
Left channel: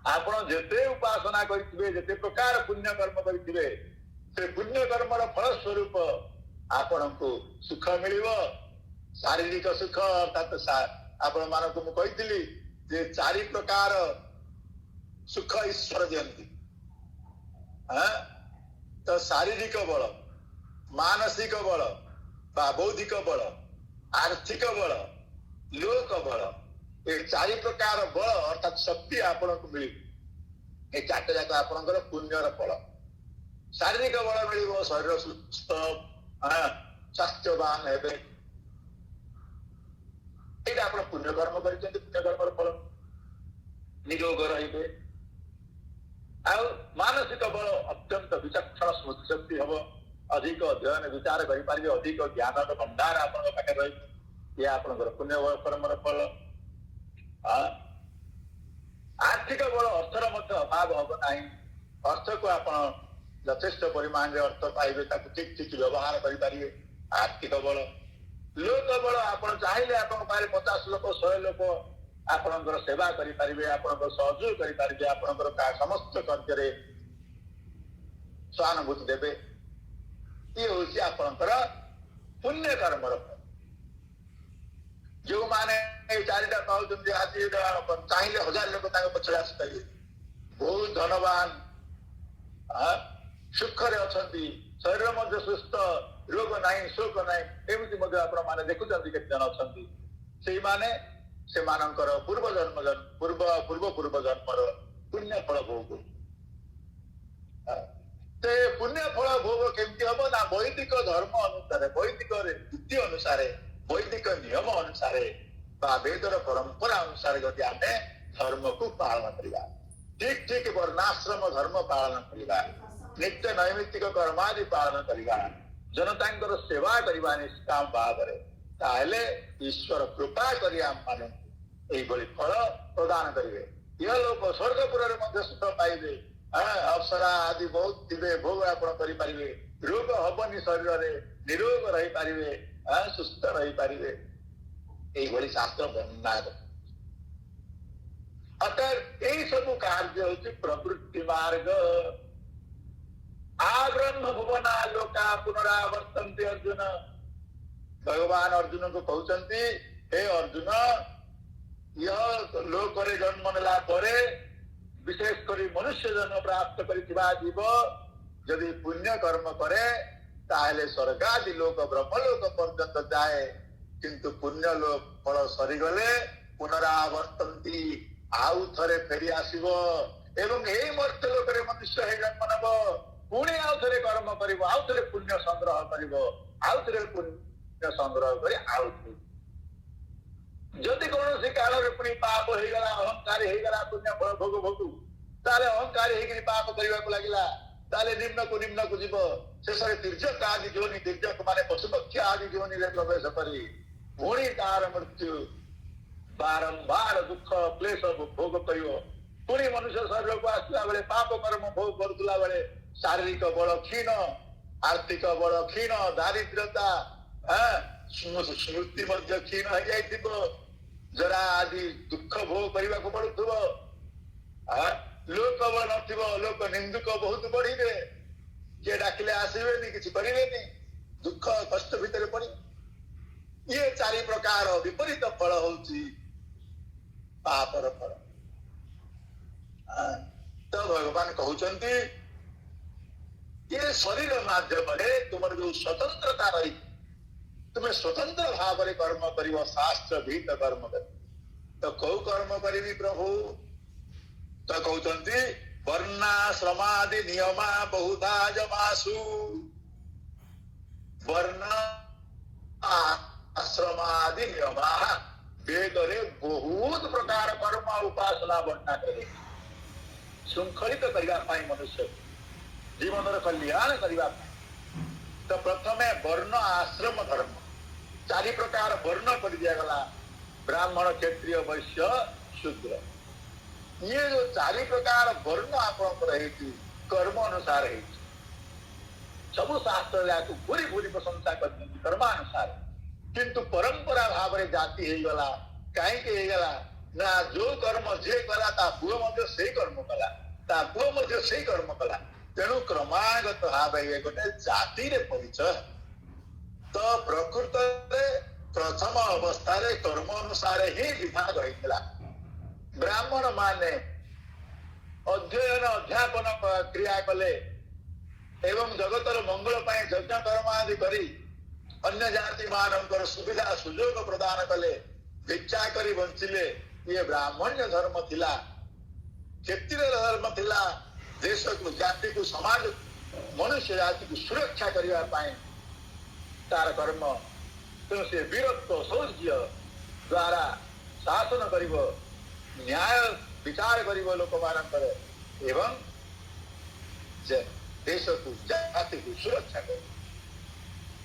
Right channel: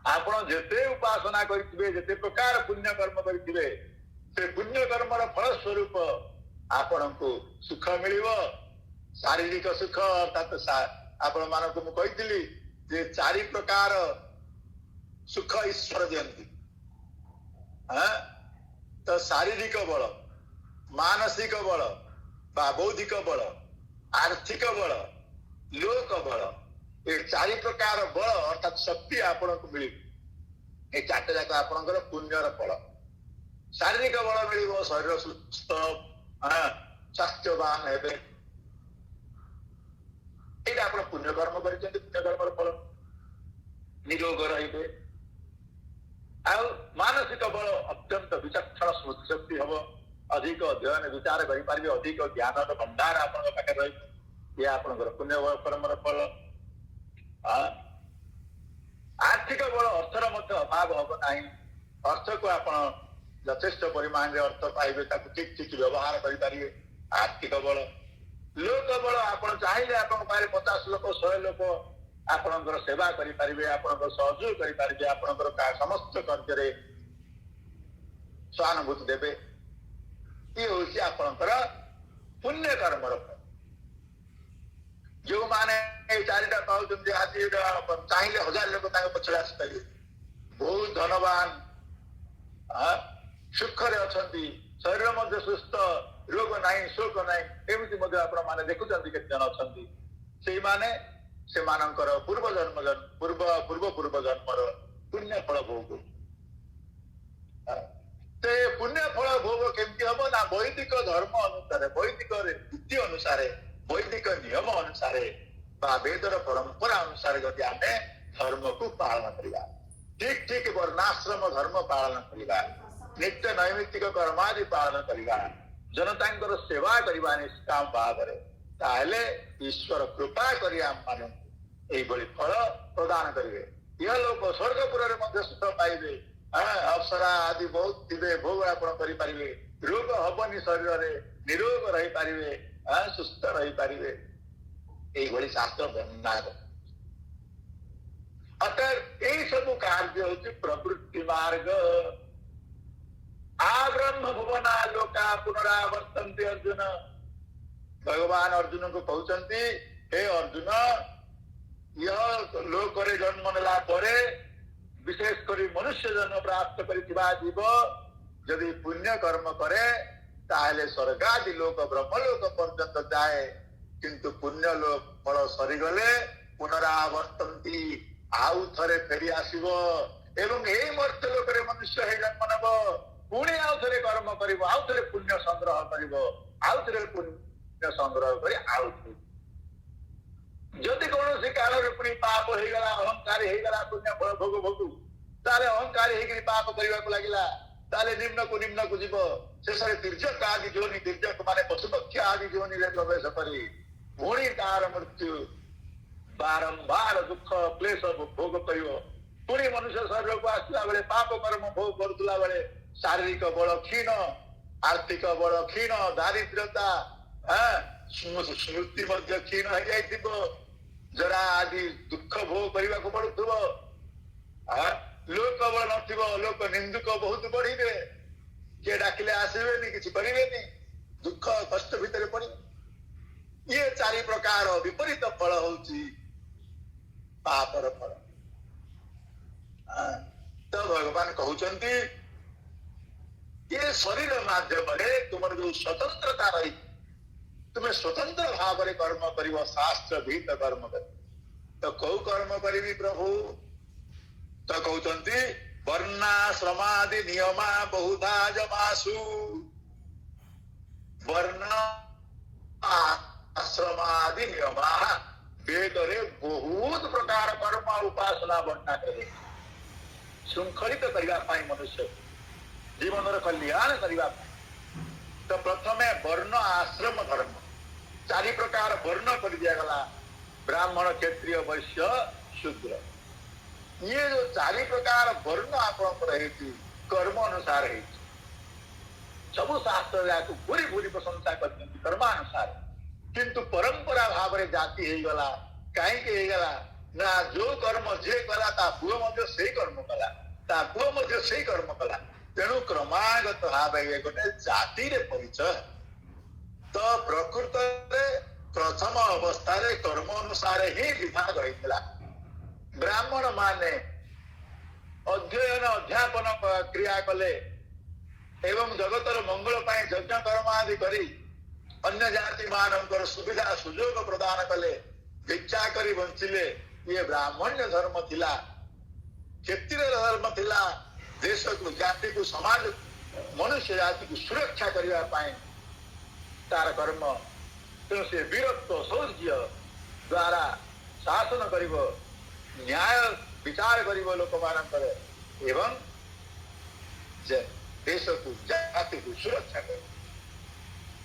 आपण जेते उपासना करिथिबे जेते प्रकार पुण्य कर्म करिथिबे से पुण्य कर्मर फल स्वरूप आपणको सुख मिलिबो। शारीरिक सुख अर्थात आपण मानक मु कहिथिली जे चारि प्रकार सुख ईश्वर दियंती। तो शारीरिक बल, मानसिक बल बा बौद्धिक बल, आर्थिक बल, लोक बल, ये चारि प्रकार बल अर्थात शक्ति आपण को मिली। ये चारटे जाक आपणकर पुण्यर फल। शारीरिक बल मिल शरीर सुस्थ स्वास्थ्यवान हेबे, ये आप पुण्य कर्म कर पुण्य कर्म फल निरोग रे। आ मानसिक बल अत्यंत विचक्षण स्मृति शक्ति हम, अधिक अध्ययन विचार करें, अधिक ज्ञान भंडार आप पाखे ये आप पुण्य कर्म फल। आर्थिक बल अर्थर अभाव हम ना, अर्थ को आप यथेष्ट परिमाण अर्थ पाइबे, ठीक ठीक व्यवहार करें। आर्थिक बल। लोक बल आप चाहिए आप 50 लोक 100 लोक आपणकर सेवा करें, आपणकर सहयोग करें, आपणकर समस्त कार्य सहानुभूति देवे। ये हूँ आपणकर पुण्य कर्म फल। जो माने चारिटा पाँच आज चाहिए 1000 लोक पछे आसपारे, बहुत धनवान सुखरे अच्छा, शरीर मध्य सुस्थ, रोग नहीं शोक नहीं, एमती मैंने देखुं केते जन अच्छा से माने से मानकर पूर्व जन्म पूर्व जन्मर पुण्य फल भोग। पुण्य फल भोग केमती हम ना वैदिक धर्म अनुसार, वैदिक रीति अनुसार, वैदिक नियम अनुसार वेदर परंपरा अनुसार जब आम धर्म को पालन करवा, ठीक ठीक वर्णाश्रम धर्म पालन करवा, नित्य नैमित्तिक कर्मादि पालन करवा, जनता सेवा करवा निष्काम भाव ताहले ईश्वर कृपा करी आम मान फल प्रदान करेंगे। यह लोग स्वर्गपुर सुख पाइबे, अप्सरा आदि बहुत थे, भोग आप करें, रोग हबनी शरीर में, निरोग रही पारे, सुस्थ रही पारे, यही शास्त्र वर्णना। अतः यही सब कार्य हूँ प्रवृत्ति मार्ग। आ ब्रह्म भुवना लोका पुनरावर्तन्ते अर्जुन। भगवान अर्जुन को कहते हे अर्जुन, यह लोक जन्म नेला परे विशेषकर मनुष्य जन्म प्राप्त करिथिबा जीव यदि पुण्य कर्म करे ताहले स्वर्गादि लोक ब्रह्मलोक पर्यंत जाए, किंतु पुण्य लोक फल सरीगले पुनरावर्तन्ति आउ थरे फेरी आसीबो एवं एई मर्त्य लोकरे मनुष्य हे जन्म नेब, पुणी आउ थरे कर्म करिबो, आउ थरे पुण्य संग्रह करिबो, आउ थरे पुण्य संग्रह करी आउ जदि कौन सी काल पुणी पाप हो गला, अहंकारी हो गला, पुण्य फल भोग भोगु ताले अहंकारी होकर पाप करने को लगिला, ताले निम्न को जीव शेष तीर्जक आदि जोनि, तीर्जक माने पशुपक्षी आदि जोनि रे प्रवेश करी पुणी तार मृत्यु बारंबार दुख क्लेश भोग करियो। पुणी मनुष्य शरीर को आसला बेले पाप कर्म भोग करुला बेले शारीरिक बल क्षीण, आर्थिक बल क्षीण, दारिद्रता स्मृति मध्य क्षीण हो जाइथिबो, जरा आदि दुख भोग करने को पड़ुथिबो, लोक बल नथिबो, लोक निंदुक बहुत बढ़िबे, किए डाकिले आसीबेनी, किछि करिबेनी, दुख कष्ट भितर पड़ी ये चारि प्रकार विपरीत फल होउची पापर फल। तो भगवान कहउचंती ये शरीर माध्यम तुम जो स्वतंत्रता रही, तुम्हें स्वतंत्र भाव में कर्म करिव, शास्त्र भीत कर्म कर। तो कौ कर्म करी प्रभु? तो कहते वर्णाश्रमादि नियमा बहुधा जमासु, वर्ण आश्रमादि नियमा वेद रे बहुत प्रकार कर्म उपासना वर्णना करे, श्रृंखलित करने मनुष्य जीवन कल्याण करने। तो प्रथमे वर्ण आश्रम धर्म चारि प्रकार वर्ण कर दिया गला, ब्राह्मण क्षत्रिय वैश्य शूद्र। ये जो चारि प्रकार वर्ण आपणकर कर्म अनुसार है, सबु शास्त्र को पूरी पूरी प्रशंसा कर कर्मानुसार, किंतु परंपरा भाव में जाति हो गला। कहीं ना जो कर्म जे कला ता पुओ मध्य से कर्म कला, ता पुओ मध्य से कर्म कला, तेणु क्रमागत भाव ये गोटे जाति रे परिचय। तो प्रकृत प्रथम अवस्था रे कर्म अनुसार ही विभाग होइतला। ब्राह्मण माने अध्ययन अध्यापन क्रिया कले एवं जगतर मंगल पाए यज्ञ कर्म आदि करी अन्य जाति मानकर सुविधा सुजोग प्रदान कले, भिक्षा करी बंचिले, ये ब्राह्मण्य धर्म थिला, क्षत्रिय धर्म थिला। देश को जाति को समाज मनुष्य जाति को सुरक्षा करने पाए तार कर्म। तेणु से वीरत्व शौर्य द्वारा शासन करिब, न्याय विचार करिब लोक मानकर, एवं देश को जाति को सुरक्षा कर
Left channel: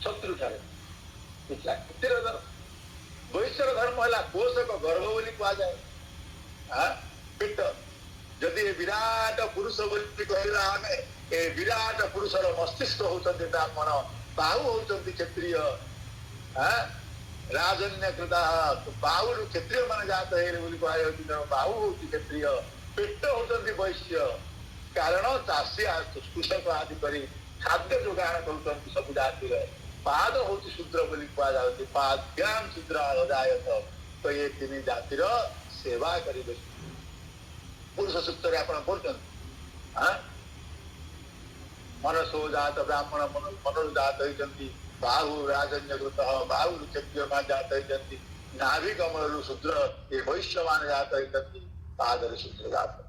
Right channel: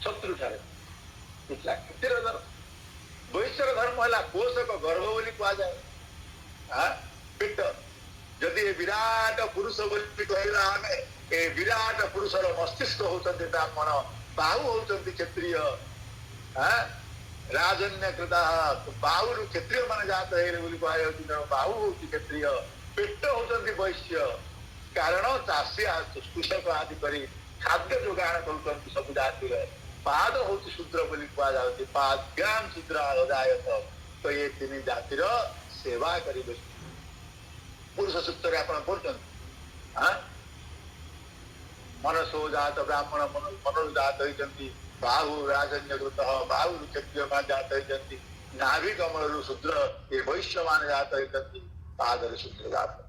शत्रु ठारे क्षत्रिय धर्म। वैश्य धर्म है पोषक गर्भ बोली कह जाए, पेट जदि विराट पुरुष बोली कहला आमे, ए विराट पुरुषर मस्तिष्क होचंती ब्राह्मण, बाहु होचंती क्षत्रिय, राजन्य कृता बाहु क्षत्रिय मान जात है बोली कह जाउती, बाहु होची क्षत्रिय, पेट होचंती वैश्य। कारण चाषी कृषक आदि करी खाद्य जोगाण करुचंती सब जाति रे। पाद होची शूद्र बोली कह जाउती, पाद्याम शूद्र अजायत। तो ये तीन जातिर सेवा करिबे पुरुष सूक्त आपण पढ़ते मनसो जात ब्राह्मण मनोजात होती, बाहु राजन्यकृत बाहु क्षत्रिय जात होती, नाभि कमल शूद्र ये वैश्य मान जात होती, पादर शूद्र जात।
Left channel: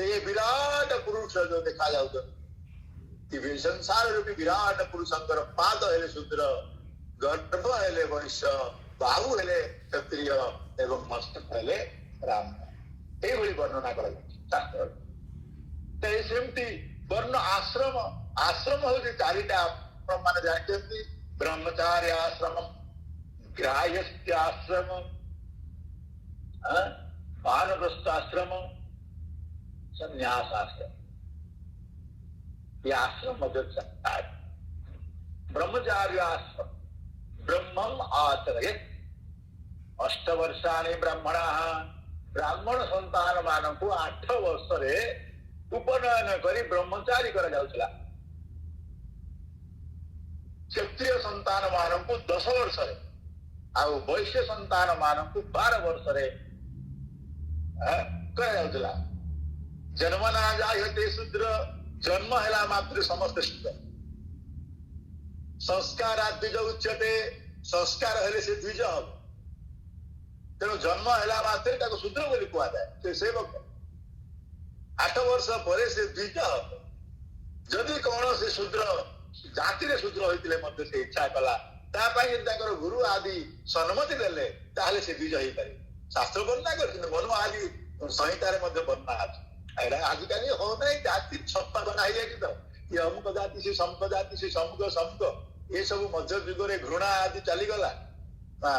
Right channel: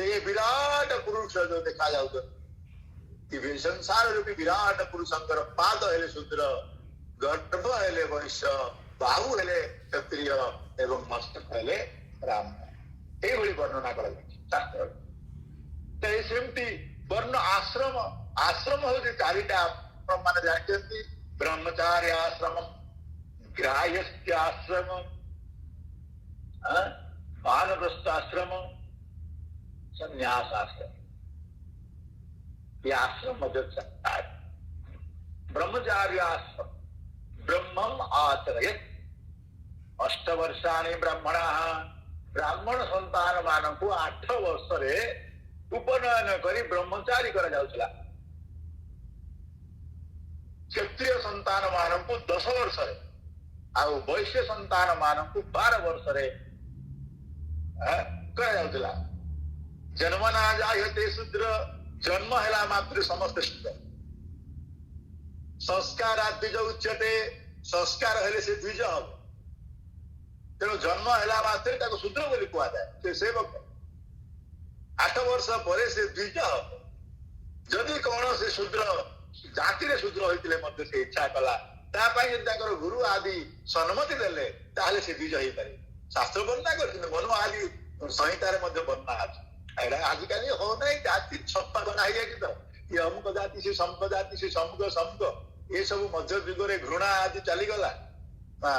ये विराट पुरुष जो देखा जाऊँ संसार रूपी विराट पुरुषंकर पाद हेले शूद्र, गर्भ हेले वैश्य, बाहु हेले क्षत्रिय एवं मस्तक हेले ब्राह्मण। ये वर्णना कर शास्त्र। सेमती वर्ण आश्रम, आश्रम हूँ चारिटा मान जानते, ब्रह्मचार्य आश्रम, ग्राह्यस्य आश्रम, वानप्रस्थ आश्रम, संन्यास आश्रम। ये आश्रम ब्रह्मचार्य आश्रम ब्रह्मम आचरयत्, 8 वर्षाणि ब्राह्मण, ब्राह्मण संतान मान को 8 वर्ष उपनयन करी ब्रह्मचारी करा जाउछला। क्षत्रिय संतान मानक 10 वर्ष रे आ वैश्य संतान मानक 12 वर्ष रे करा जाउछला। जन्म ना जायते शूद्र, जन्म हेला मात्र समस्त शूद्र। संस्कार द्विज उच्यते, संस्कार हेले से द्विज हम। तेणु जन्म हेला मात्र ताको शूद्र बोली कुआ जाए। से सेवक 8 वर्ष परे से द्विज हम। जदि कौन से शूद्र जाति रे शूद्र होइतिले मध्य से इच्छा कला ता पई जदि ताकर गुरु आदि सम्मति देले ताहले से द्विज होई पारे। शास्त्र वर्णना करथिन मनु आदि संहिता रे मध्य वर्णना अछि। एरा आजिकाली हो नहीं जाति छप्पा बना है कि तो ये अमुक जाति से समक जाति से समक समक ये सब मध्य युग रे घृणा आदि चली गला।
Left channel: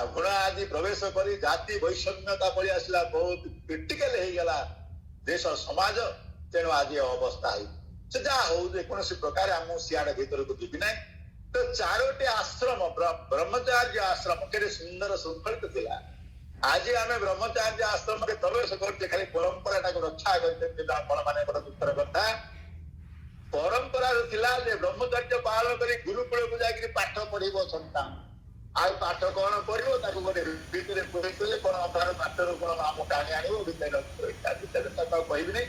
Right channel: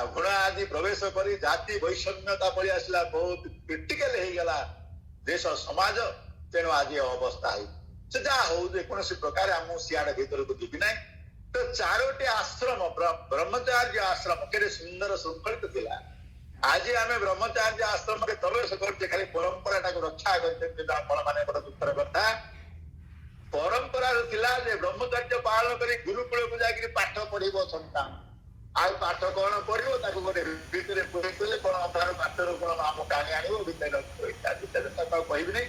घृणा आदि प्रवेश करी जाति वैषम्यता पड़ी आसला, बहुत क्रिटिकल हे गला देश समाज। तेणु आज अवस्था है से जा हो जे कोनोसी प्रकार हम सियाड़ भीतर को जीवी नहीं। तो चारोटी आश्रम ब्रह्मचार्य आश्रम केरे सुंदर सुखलित थिला। आज आम ब्रह्मचार्य आश्रम में प्रवेश करते खाली परंपरा टाक रक्षा करते आपण माने बड़ दुखर कथा। परंपरा थिला जे ब्रह्मचर्य पालन करी गुरुकुल को जाकरी पाठ पढ़िबो संतान। आ पाठ कोन पढ़िबो ताको गोटे भीतर पढ़ितले कोन अधार मास्टर कोन नाम कानी आनिबो भीतर भीतर ताको कहबी नहीं।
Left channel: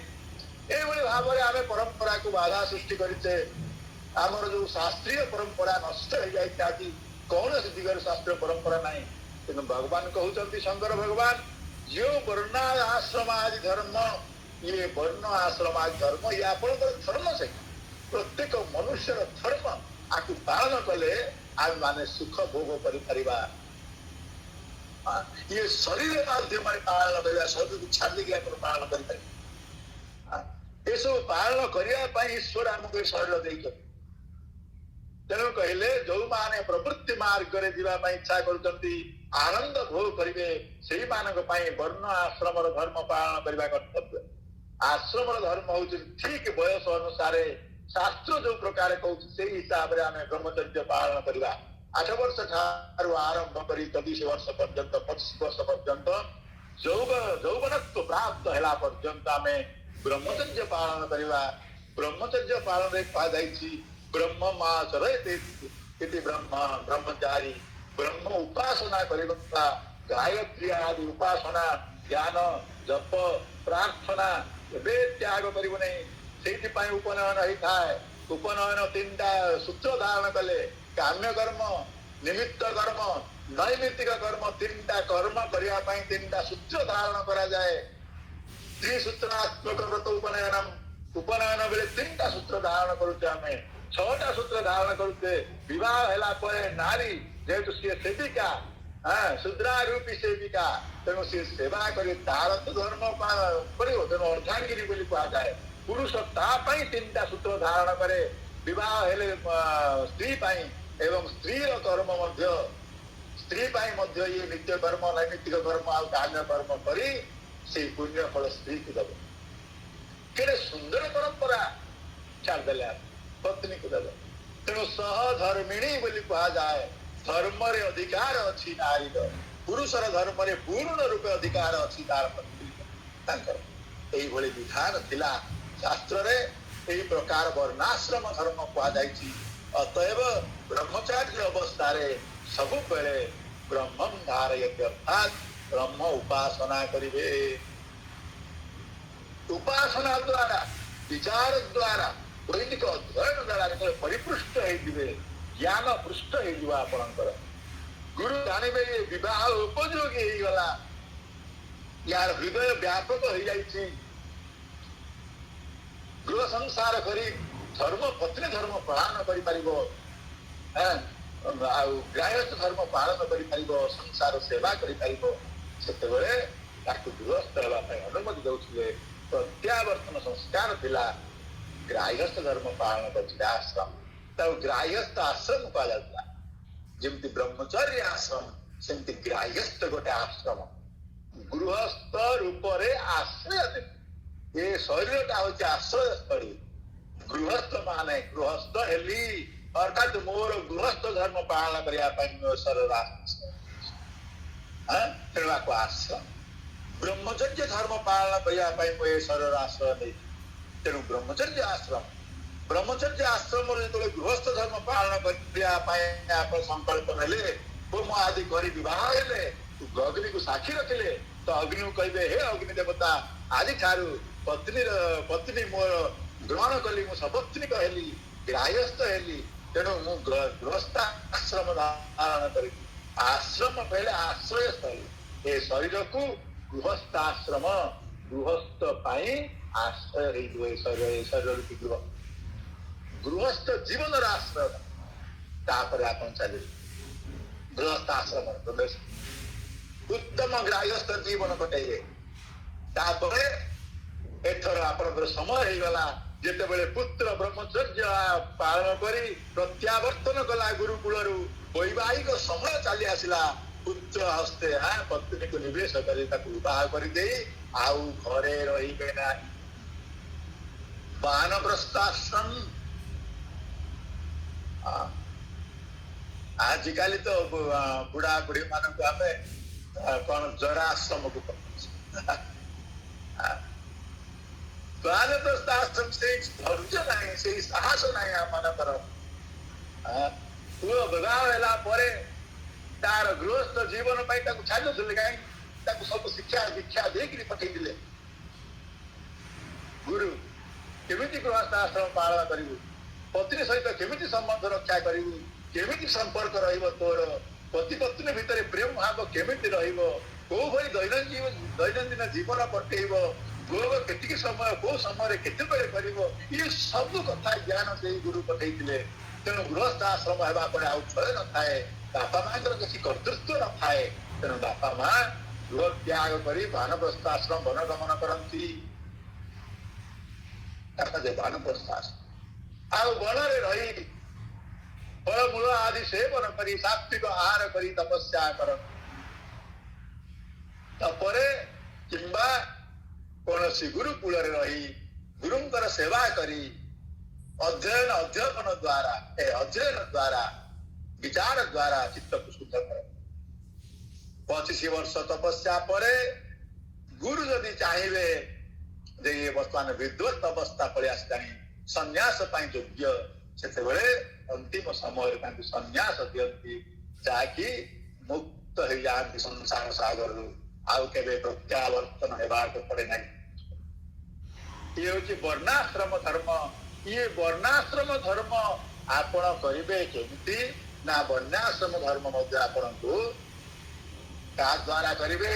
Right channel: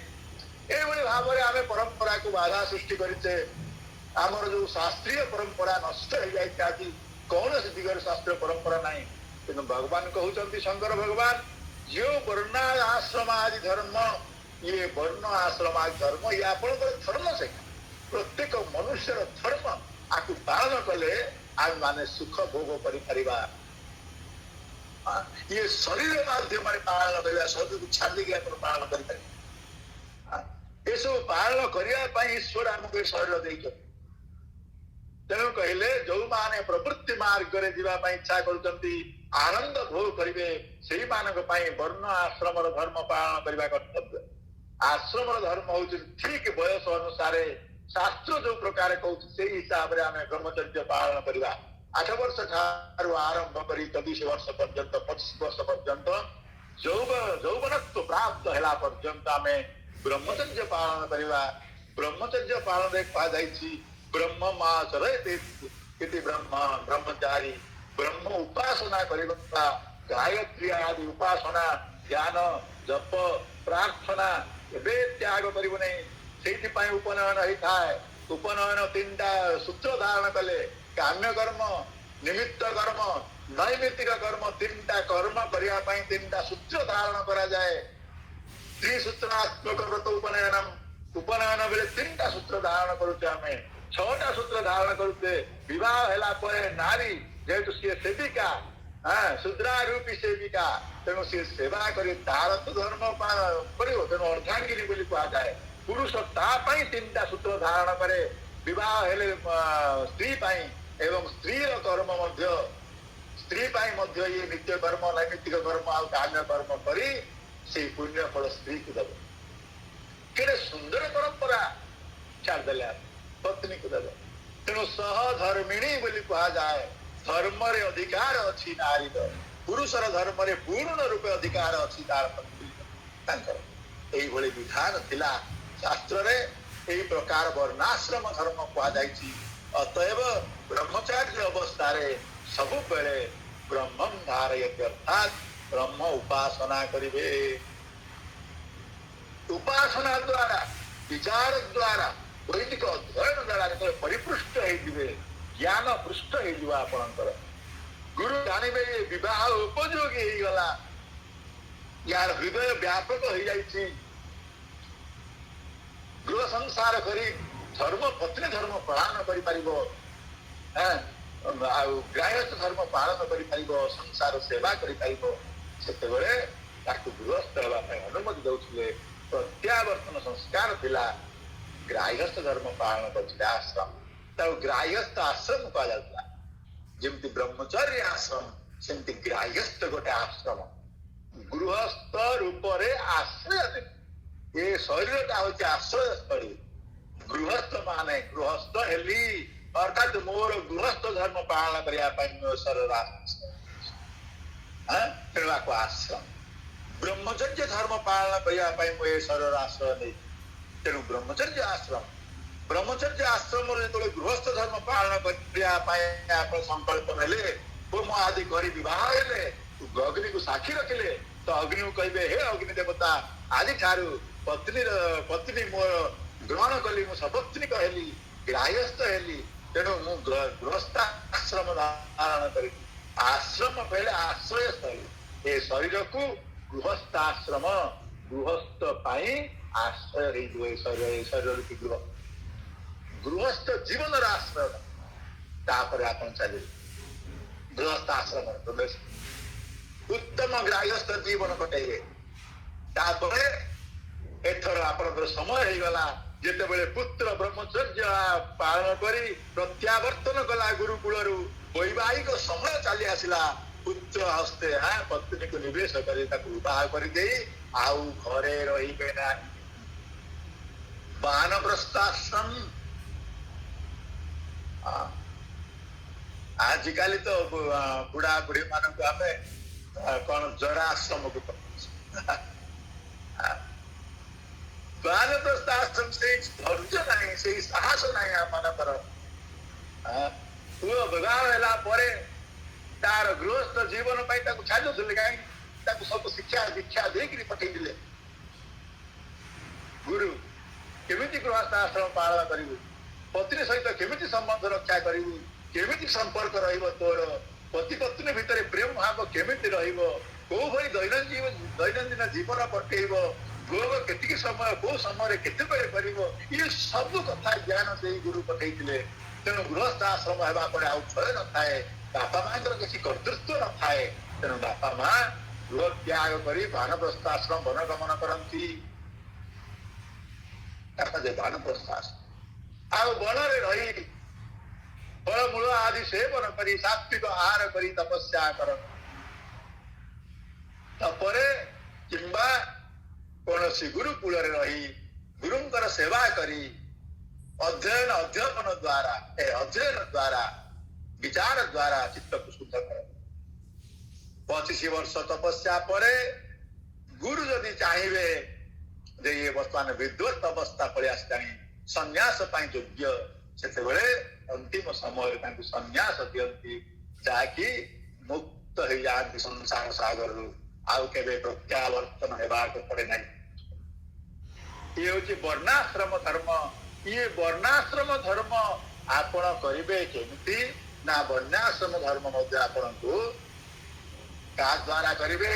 ए बड़ी भाबरे आमे परंपरा को बाधा सृष्टि करते। आमर जो शास्त्रीय परंपरा नष्ट हो जाए आज कौन से दिगर शास्त्रीय परंपरा नहीं। किंतु भगवान कहते शंकर भगवान जो वर्ण आश्रम आदि धर्म ये वर्ण आश्रम आदि धर्म ये आप धर्म से प्रत्येक मनुष्य धर्म आपको पालन कले आम माने सुख भोग कर ये शरीर माध्यम पालन कर शरीर छाड़ी पालन कर सब पालन करने ईश्वर आमको शरीर दे। तेणु कहले जो माने प्रवृत्ति मार्ग रे जीवा इच्छा करते आनंद भोग करेंगे से वर्ण आश्रम धर्म पालन करने कर्तव्य। आश्रम धर्म हूँ ठीक बयस अनुसार शास्त्र जो प्रकार कहूँ से हिसाब से आम ब्रह्मचर्य पालन करवा। 8 वर्ष ठारू आरंभ कर 24 वर्ष पर्यंत 25 वर्ष पर्यंत यौवनत्व प्राप्त है पर्यंत आम ब्रह्मचर्य पालन करवा। ब्रह्मचर्य पालन कहुई ब्रह्मचर्य ब्रह्म ब्रह्मचारी ब्रह्म उपासना करवा। गायत्री आदि उपासना ज्ञान जप प्रार्थना एवं त्याग कर उपनयन होता है। उपनयन 3टा सूत्र धारण कले काम्य कर्म निमित्त कर्म नैमित्तिक कर्म 3टा कर्म करने 3टा सूत्र धारण करा जाए। त्रिसूत्रात्मक व्रत उपनयन उपनयन बेले 3टा सूत्र धारण करुचे 6टा सूत्र धारण करुचे। विवाह हेला परे नारी जेहेतु सी सेविका शूद्रारूपी सेविका तेणु सी सेवा कर तार तो धर्म कर तेणु अर्धांगिनी बोली कहा जाए। पुरुष तापाई 3टा सूत्र धारण करे विवाह हेले स्त्री पाई एवं स्त्री कर्म मध्य स्त्री पाई मध्य ये नित्य कर्म नैमित्तिक कर्म आ काम्य कर्म करी से पुण्य फल स्त्री को दब। केड़े सुंदर परंपरा छाड़देले पत्नी को दब। तेणु सहधर्मिणी बोली कहा जाए। धर्म रे अधिकार अच्छी नारी पुरुषर धर्म रे पूर्ण रूपे अधिकार अच्छी तार पत्नी यही विधान थिला शास्त्र रे। यही प्रकार वर्णाश्रम धर्म कहुई। अतएव ब्रह्मचार्य अवस्था रे सबु बेले ब्रह्मं धारयति अर्थात ब्रह्म उपासना करिवे। उपासना द्वारा विचार द्वारा वैदिक अध्ययन द्वारा परिपृष्ट होइबे ज्ञान पृष्ठ हो आपणकर गुरु जानवे विवाह उपयोगी हो गला। यार हृदय व्यापक हो जाइछि। गृह संसार करी धर्म पत्नी धर्म पालन करि परिबो गृहस्थ धर्म पालन करि परिबो संसार सेवा करि परिबो। सेतेबेले ताकु गृहस्थ हेबा पय अनुमति दउछिले। प्रत्यावर्तन संस्कार थिला गृहस्थ धर्म पालन करथिले आश्रम ताऊ गृहस्थ आश्रम कहा जाता। जमती ब्रह्मचर्य आश्रम सेमती गृहस्थ गोटे आश्रम गृहस्थ रूप रे आश्रय ये शरीर हूँ आश्रय स्थली। गृहस्थ माने गृहस्थ हेली अर्थात मोर गृहस्थ धर्म पालन करने शरीर तेणु आश्रम ब्रह्मचर्य धर्म पालन करने शरीर आश्रय नहीं तेणु ब्रह्मचर्य आश्रम जो गृहस्थ धर्म पालन करने संकल्प नेले होम आदि कर अग्नि को साक्षी रखिले तो अग्नि को कहे हे अग्नि देवता आदि ठारू पत्नी मोर ग्रहण कली मु सपत्नी कहली ग्राह्यस्थ हेली तेणु मु गृहस्थ आश्रम धारण करी आश्रम पहले आश्रय स्थल ए शरीर को गृहस्थ आश्रम गृहस्थ आश्रय शरीर की गृहस्थ जीवन आश्रय तापर आपन चले गृहस्थ आश्रम प्रवेश उत्तम ग्राह्यस्थ जीवन कटेबे तापर एथर आपन समय हो गला जेतेबेले पुत्र ब्रह्मचर्य पालन करी प्रत्यावर्तन कला गुरुकुल वैवाहिक समय चली आसला पुत्र हस्ते पत्नी को निवेश कर विवाह कर घरे रही ना वानप्रस्थाश्रम आजिकल तो बुढ़ा बुढ़ी मान को आम कौन जराश्रम को वानप्रस्थाश्रम से धैर्य नहीं से साहस नहीं आम पुओ विवाह होला परे तार गृहस्थ जीवन छाड़ू कहीं सब शिक्षा दीक्षा देकर पठे गुरु केमिति गृहस्थ आश्रम पालन करू पत्नी सहित केमिति संबंध रक्षा करू केमिति संपर्क रहिबो तोर पति पत्नी भितर प्रेम भाव केमिति रहिबो को भई दैनंदिन जीवन कटेइबो लोग केतिक समय को समय केते बेले करिबो ये सब कथा ज्ञान से गुरु पठेइतिले तेणु गृहस्थ आश्रम हेबा परे आउ छय न थाए बापा मां किसी कर्तृत्व न थाए तेणु बापा मां गृह त्याग करी वानप्रस्थ आश्रम वनगमन करती वानप्रस्थ आश्रम आउ वनरे रही फलमूल आदि सेवन करी सात्विक आहार करी तपस्या कर तपरे किंबा कौनसी गुरुकुल रही गुरुंकर सेवा करी अध्ययन द्वारा विचार द्वारा चित्त को शुद्ध कर 25 वर्ष तपस्या परे गुरु जदि चाहिए जे ये वर्तमान विद्वत अवस्था पड़े आसलानी संन्यास योग्य से अंतिम समय संन्यास दियंती जाकि मुक्त हो जाती संसार सागर आउ के प्रत्यावर्तन होगा पड़े ना ये हूँ वर्णाश्रम धर्म ये वर्णाश्रम धर्म आपण करेंगे केमिति ना वर्णाश्रम धर्म आपण को क्या द्वारा करेंगे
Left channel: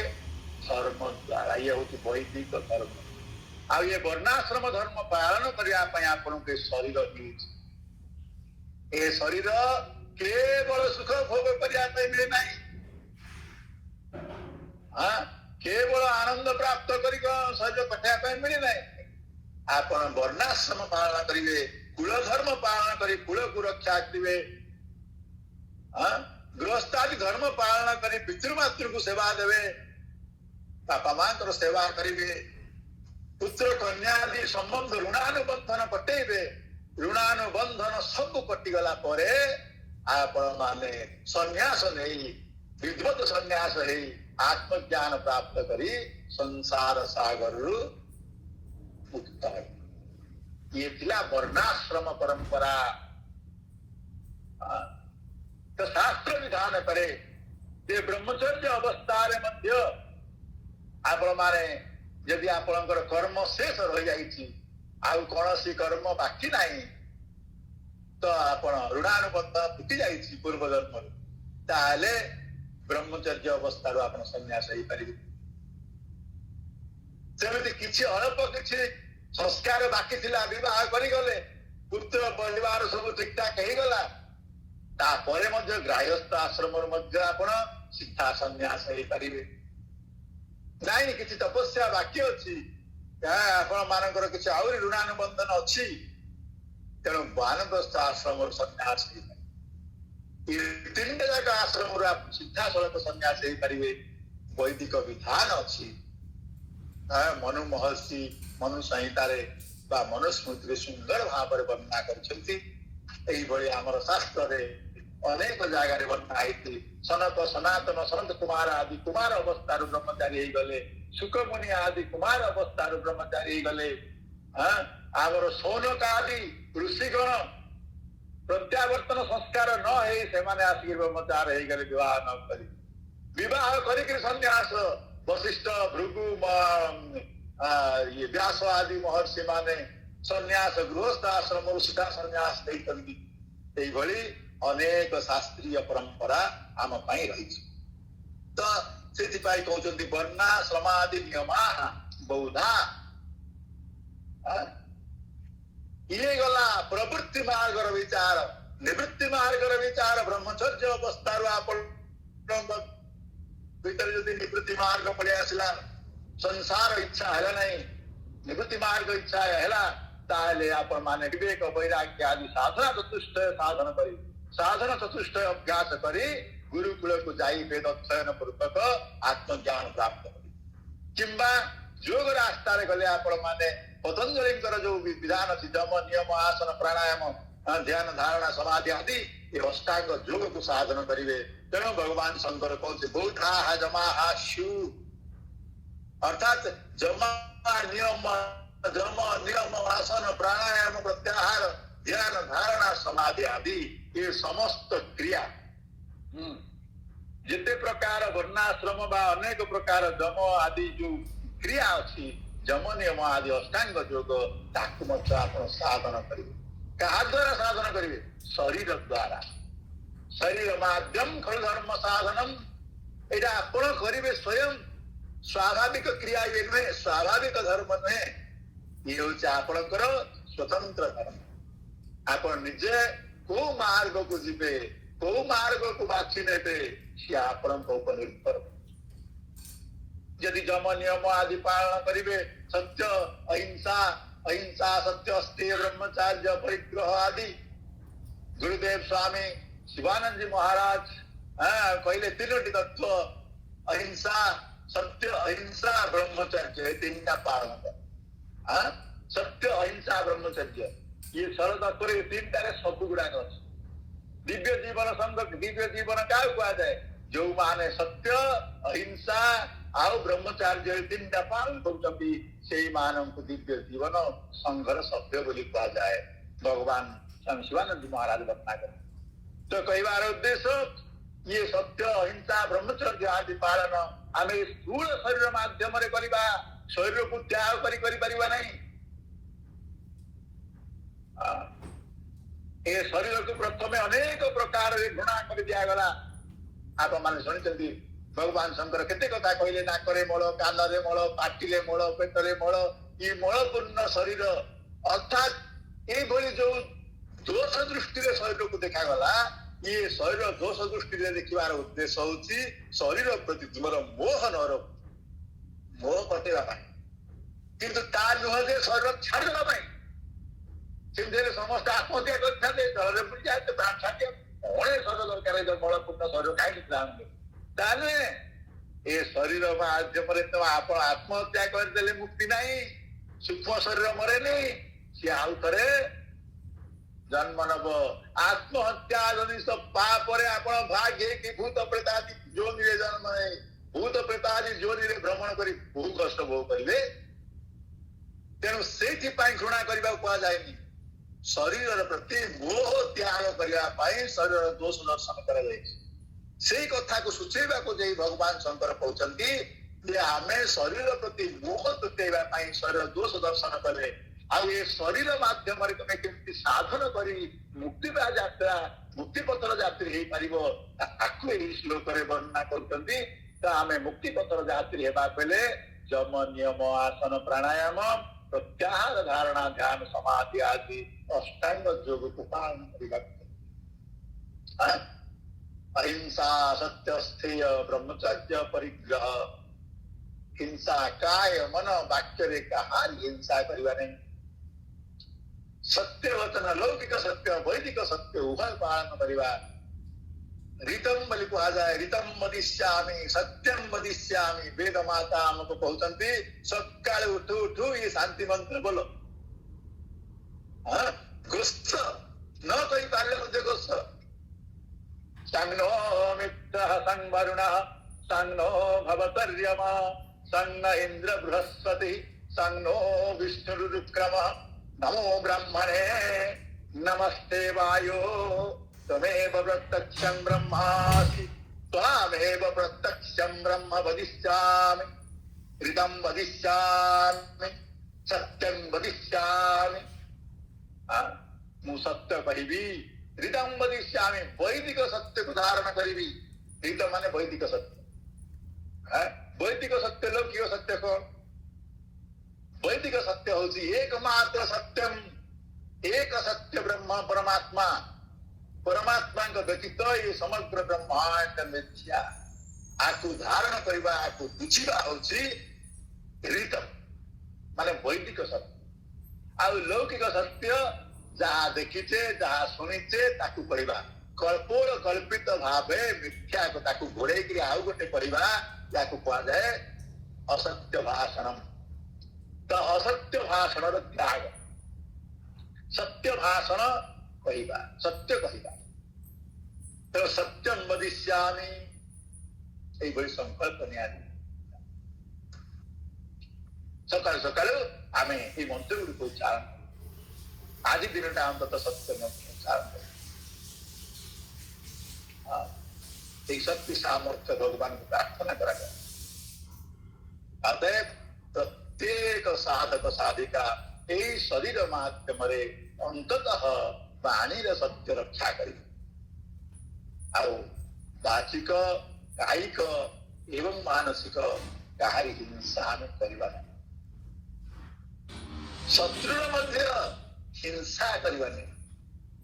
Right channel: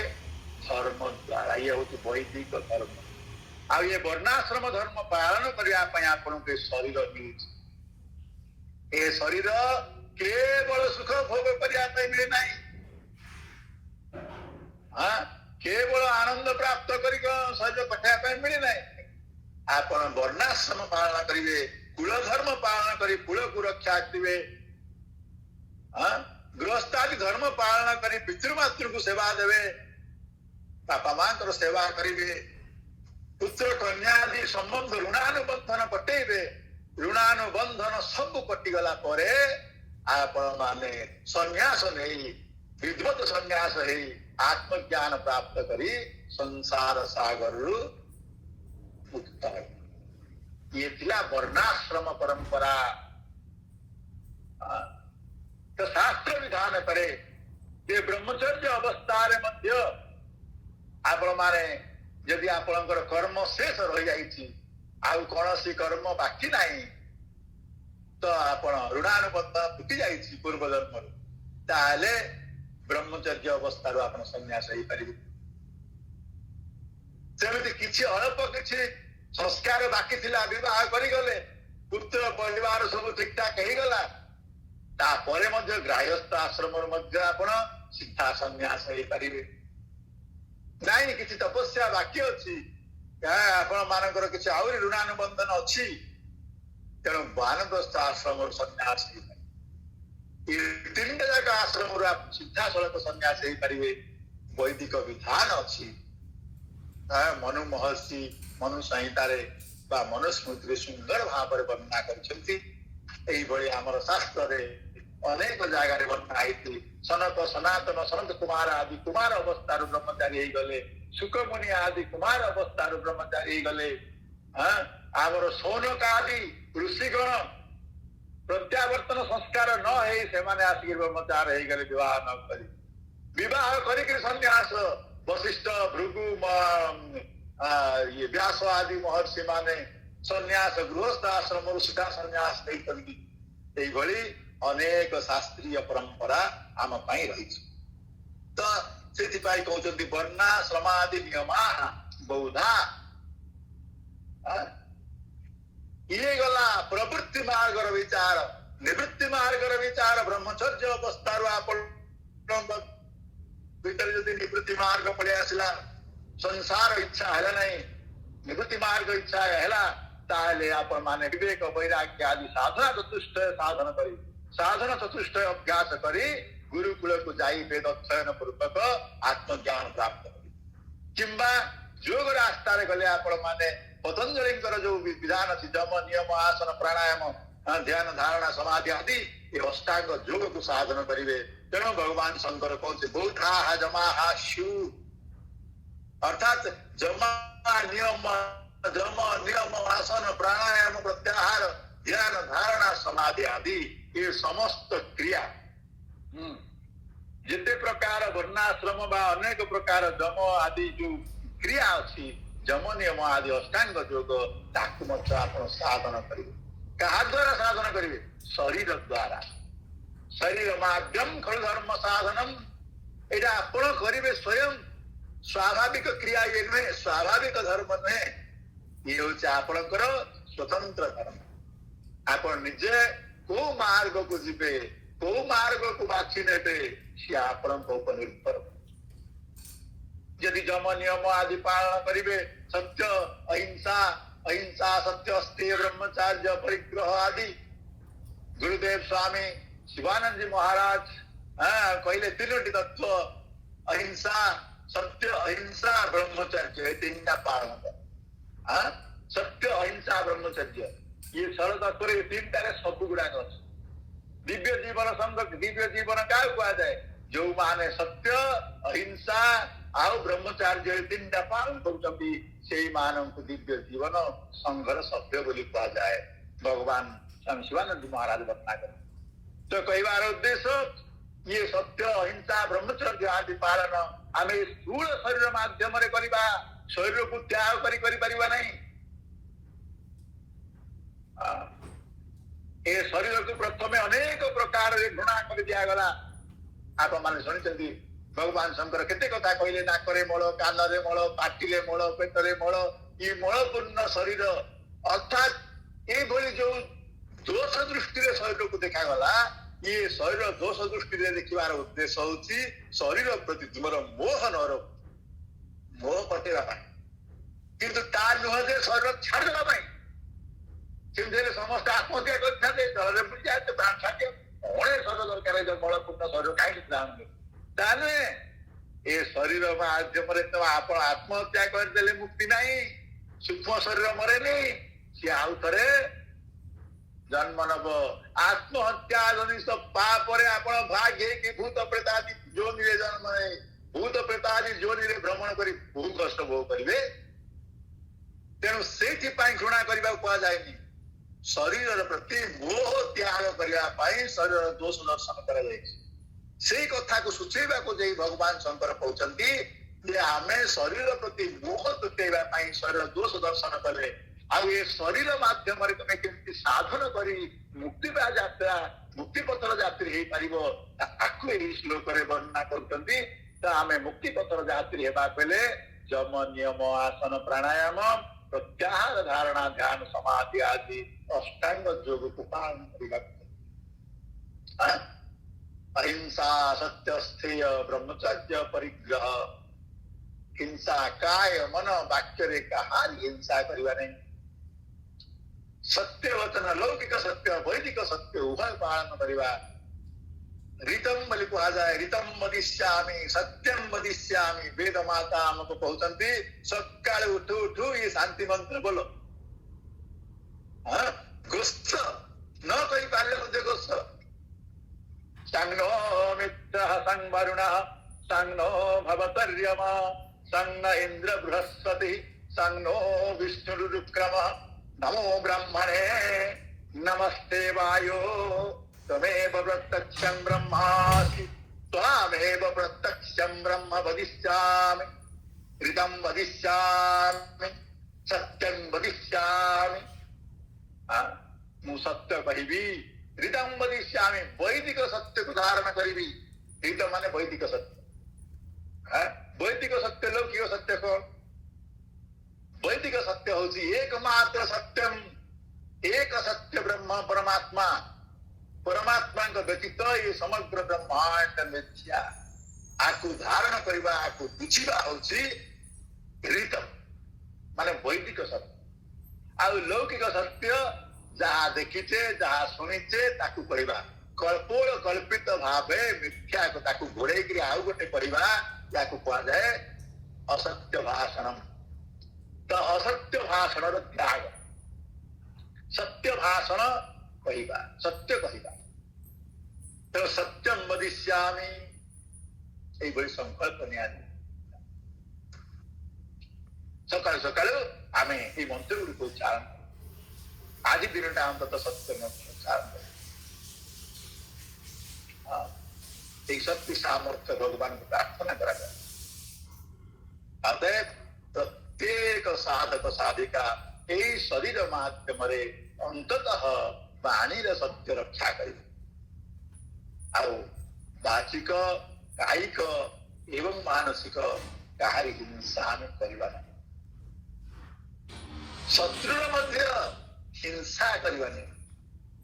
धर्म द्वारा ये हूँ वैदिक धर्म आ ये वर्णाश्रम धर्म पालन करने आपण के शरीर मिलूँ ए शरीर केवल सुख भोग करने मिले ना हाँ केवल आनंद प्राप्त कर शरीर कटाई मिले ना आपण वर्णाश्रम पालन करेंगे कुल धर्म पालन कर कुल को रक्षा करेंगे गृहस्थादि धर्म पालन कर पितृमातृ को सेवा देवे बापा मां सेवा करेंगे पुत्र कन्या आदि संबंध ऋणानुबंधन कटेबे ऋणानुबंधन सब कटिगला परे आपण माने संन्यास नहीं विद्वत संन्यास है आत्मज्ञान प्राप्त करी संसार सागर मुक्त ये थिला वर्णाश्रम परंपरा तो शास्त्र विधान करे जे ब्रह्मचर्य अवस्था मध्य आपण माने यदि आपणकर कर्म शेष रही जाइछि आउ कौनसी कर्म बाकी नहीं तो आपण ऋणानुबंध फुटी जाइछि पूर्व जन्म ताले ब्रह्मचर्य अवस्था आपण संन्यास हो पारे सेमति किछि अल्प किछि संस्कार बाकी थिला विवाह करि गले पुत्र परिवार सब ठीक ठाक हो गला तापरे मध्य गृहस्थ आश्रम मध्य आपण सीधा संन्यास हो पारे नहीं किसी तपस्या बाकी अच्छी आपण मानकर किसी आहरी ऋणानुबंधन अच्छी तेणु वानप्रस्थ आश्रम संन्यास तीन जाक आश्रम सीधा सड़क संन्यास हो पारे वैदिक विधान अच्छी मनु महर्षि मनु संहितार मनुस्मृति सुंदर भाव वर्णना कर शास्त्र अनेक जगह वर्णना होती सनक सनातन सनत कुमार आदि कुमार अवस्था ब्रह्मचारी गले सुखमुनि आदि कुमार अवस्था ब्रह्मचारी गले आमर सौनक आदि ऋषिगण प्रत्यावर्तन संस्कार न है से माने आसिक ब्रह्मचार हो गले विवाह न करी विवाह करिक संन्यास वशिष्ठ भृगु ये व्यास आदि महर्षि माने संन्यास गृहस्थ आश्रम सुधा संन्यास नहीं अनेक शास्त्रीय परंपरा आम रही तो से कहते वर्णाश्रमादि नियमा बौद्धा ये गला प्रवृत्ति मार्ग विचार निवृत्ति मार्ग विचार ब्रह्मचर्य अवस्थार भीतर जदि निवृत्ति मार्ग पड़े आसला संसार इच्छा है नहीं निवृत्ति मार्ग इच्छा है ताले आपण माने विवेक वैराग्य आदि साधना चतुष्ट साधन करी साधन चतुष्ट अभ्यास करी गुरुकुल को जाई वेद अध्ययन पूर्वक आत्मज्ञान प्राप्त करी किंबा योग रास्ता रे गले आपण माने पतंजलि जो विधान अच्छी जम नियम आसन प्राणायाम ध्यान धारणा समाधि आदि ये अष्टांग योग को साधन करेंगे तेणु भगवान शंकर कहते बौद्धा जमा शु अर्थात जम नियम आसन प्राणायाम प्रत्याहार ध्यान धारणा समाधि आदि ये समस्त क्रिया जिते प्रकार वर्णाश्रम बा अनेक प्रकार जम आदि जो क्रिया अच्छी जम नियम आदि अष्टांग योग ताकू साधन करेंगे क्या द्वारा साधन करेंगे शरीर द्वारा शरीर माध्यम खल धर्म साधनम यहाँ आपण करेंगे स्वयं स्वाभाविक क्रिया ये नुहे स्वाभाविक धर्म नुहे ये हूँ आपणकर स्वतंत्र धर्म आप निजे को मार्ग को जीवे को मार्ग को बाछी ने सी आपण निर्भर यदि जम नियम आदि पालन करेंगे सत्य अहिंसा अहिंसा सत्य अस्तेय ब्रह्मचार्य परिग्रह आदि गुरुदेव स्वामी शिवानंद जी महाराज कहले तीनोटी तत्व अहिंसा सत्य अहिंसा ब्रह्मचर्य तीन पालन कर सत्य अहिंसा ब्रह्मचर्य ये सरल तत्व तीन टारे सब गुड़ाक अच्छे दिव्य जीवन संघ दिव्य जीवन क्या कह जाए जो माने सत्य अहिंसा आउ ब्रह्मचार्य तीन पालन कर दिव्य जीवन संघर सभ्य बोली कह जाए भगवान स्वामी शिवानंद महाराज वर्णना कर तो कहबार उद्देश्य ये सत्य अहिंसा ब्रह्मचर्य आदि पालन आम स्थूल शरीर माध्यम करवा शरीर को त्याग कर नहीं ए शरीर को प्रथम अनेक प्रकार घृणा कर दिगला आप मैंने शुणी भगवान शंकर केते कथा कहले नाकरे मल कानरे मल पाटिले मल पेटरे मल ये मलपूर्ण शरीर अर्थात ये जो दोष दृष्टि शरीर को देखा गला ये शरीर दोष दृष्टि देखिबार उद्देश्य होची शरीर प्रति तुमर मोह नर मोह पटेवा किंतु ता नुह जे शरीर छाड़देवा समस्त आत्महत्या करते जल बुड़ी जाए प्राण छाड़े अणे शरीर दरकार मलपूर्ण शरीर कहीं ताने ए शरीर माध्यम तो आप आत्महत्या करदे मुक्ति नहीं सूक्ष्म शरीर मरे नहीं सी आउ थे जन्म नब आत्महत्या जदि सब पापरे आपण भाग्य कि भूत प्रेतादि जोनि जन्म भूत प्रेतादि जोनि भ्रमण कर बहु कष्ट भोग करेंगे तेणु से घृणा करने कह जाए शरीर प्रति मोह त्याग करने शरीर दोष दर्शन कर से कथा को सूचेबा को जाई भगवान शंकर कहते आम शरीर प्रति मोह तुटेवा शरीर दोष दर्शन करे ये शरीर माध्यम तुम केमती साधन करी मुक्ति यात्रा मुक्ति पथर यात्री हो पार श्लोक वर्णना कर आम मुक्ति पथर यात्री होगा बेले जम नियम आसन प्राणायाम प्रत्याहार धारणा ध्यान समाधि आदि अष्टांग योग को पालन करने अहिंसा सत्य स्थेय ब्रह्मचर्य परिग्रह हिंसा काय मन वाक्य रे कहा हिंसा करवा नहीं सत्य वचन लौकिक सत्य वैदिक सत्य उभय पालन करवा ऋतम बोली कहा जाए ऋतम मदिष्यामि सत्यम मदिष्यामि वेद माता हमको कहते सकाल उठू उठू ये शांति मंत्र बोलो गुस्स न कही पारे मुझे गुस्स संनो मित्रः संवरुणः संनो भवतर्यमा संग इंद्र बृहस्पति संनो विष्णुरुक्रम नमो ब्रह्मणे नमस्ते वायो त्वमेव प्रत्यक्षं ब्रह्मासि त्वामेव प्रत्यक्षं ब्रह्म वदिष्यामि ऋतं वदिष्यामि सत्यं वदिष्यामि। मु सत्य कहिबी ऋतं वदिष्यामि वैदिक सत्य को धारण करिबी। ऋत माने वैदिक सत्य। वैदिक सत्य लौकिक सत्य को वैदिक सत्य होची एकमात्र सत्यम एक सत्य ब्रह्म परमात्मा। परमात्मा का व्यतीत ये समग्र ब्रह्मांड मिथ्या। आकु धारण करिबा आकु बुझिबा होची ऋत माने वैदिक सत्य। आ लौकिक सत्य जहा देखिचे जहा सुनिचे ताकु कहिबा कल्पोल कल्पित भावे मिथ्या को ताकु घोड़े करी आउ गोटे कहिबा याकु कहा जाए असत्य भाषणम। तो असत्य भाषण त्याग सत्य भाषण कहिबा सत्य कहिबा। तो सत्यम वदिष्यामि एई बड़ी संकल्प नियाली। सकाल सकाल आमे एई मंत्र गुडी उच्चारण आज दिनटा अंतत सत्य में उच्चारण करें। एक शक्ति सामर्थ्य भगवान को प्रार्थना करा गया। अतः प्रत्येक साधक साधिका यही शरीर माध्यम अंततः वाणी सत्य रक्षा करी वाचिक कायिक एवं मानसिक कहारी हिंसा में करवा नहीं। शत्रु मध्य हिंसा करवा नहीं।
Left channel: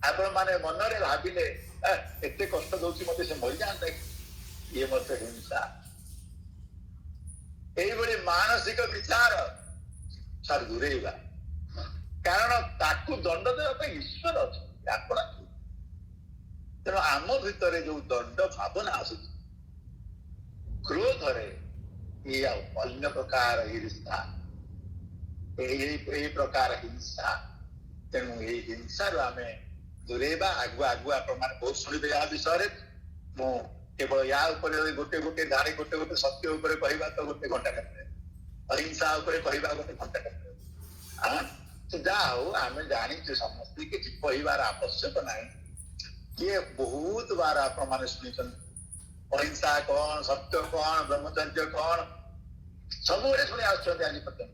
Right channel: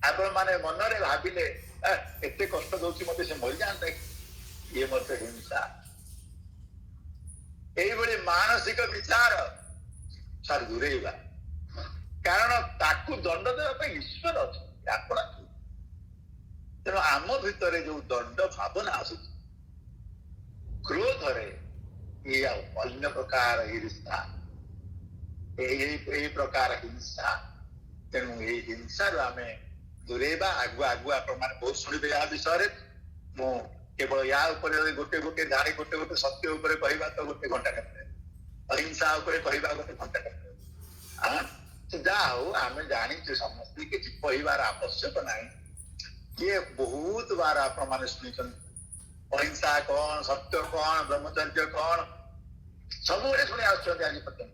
आपण माने मनरे भाविले एते कष्ट दउची मते से मरि जाता ये मते हिंसा। एई बड़ी मानसिक विचार सार दूरेइबा कारण ताकू दंड देवा पे ईश्वर अछि आपण। तेणु आम भितर जो दंड भावना आसु क्रोध रे ये अन्य प्रकार ईर्ष्या यही प्रकार हिंसा। तेणु ये हिंसा रो आमे दूरेबा आगुआ आगुआ आपण माने बहुत सुनिबे या विषय मु केवल या ऊपर गोटे गोटे धारे गोटे गोटे सत्य ऊपर कहवा तो गोटे घंटा करते अहिंसा ऊपर कहवा गोटे घंटा करते। तो जा हो आमे जानी समस्त किसी कहवार आवश्यक नहीं। ये बहुत बार आपण माने सुनिछन अहिंसा कौन सत्य कौन ब्रह्मचर्य कौन सब शुणी आसुଛନ୍ତି आज पर्यंत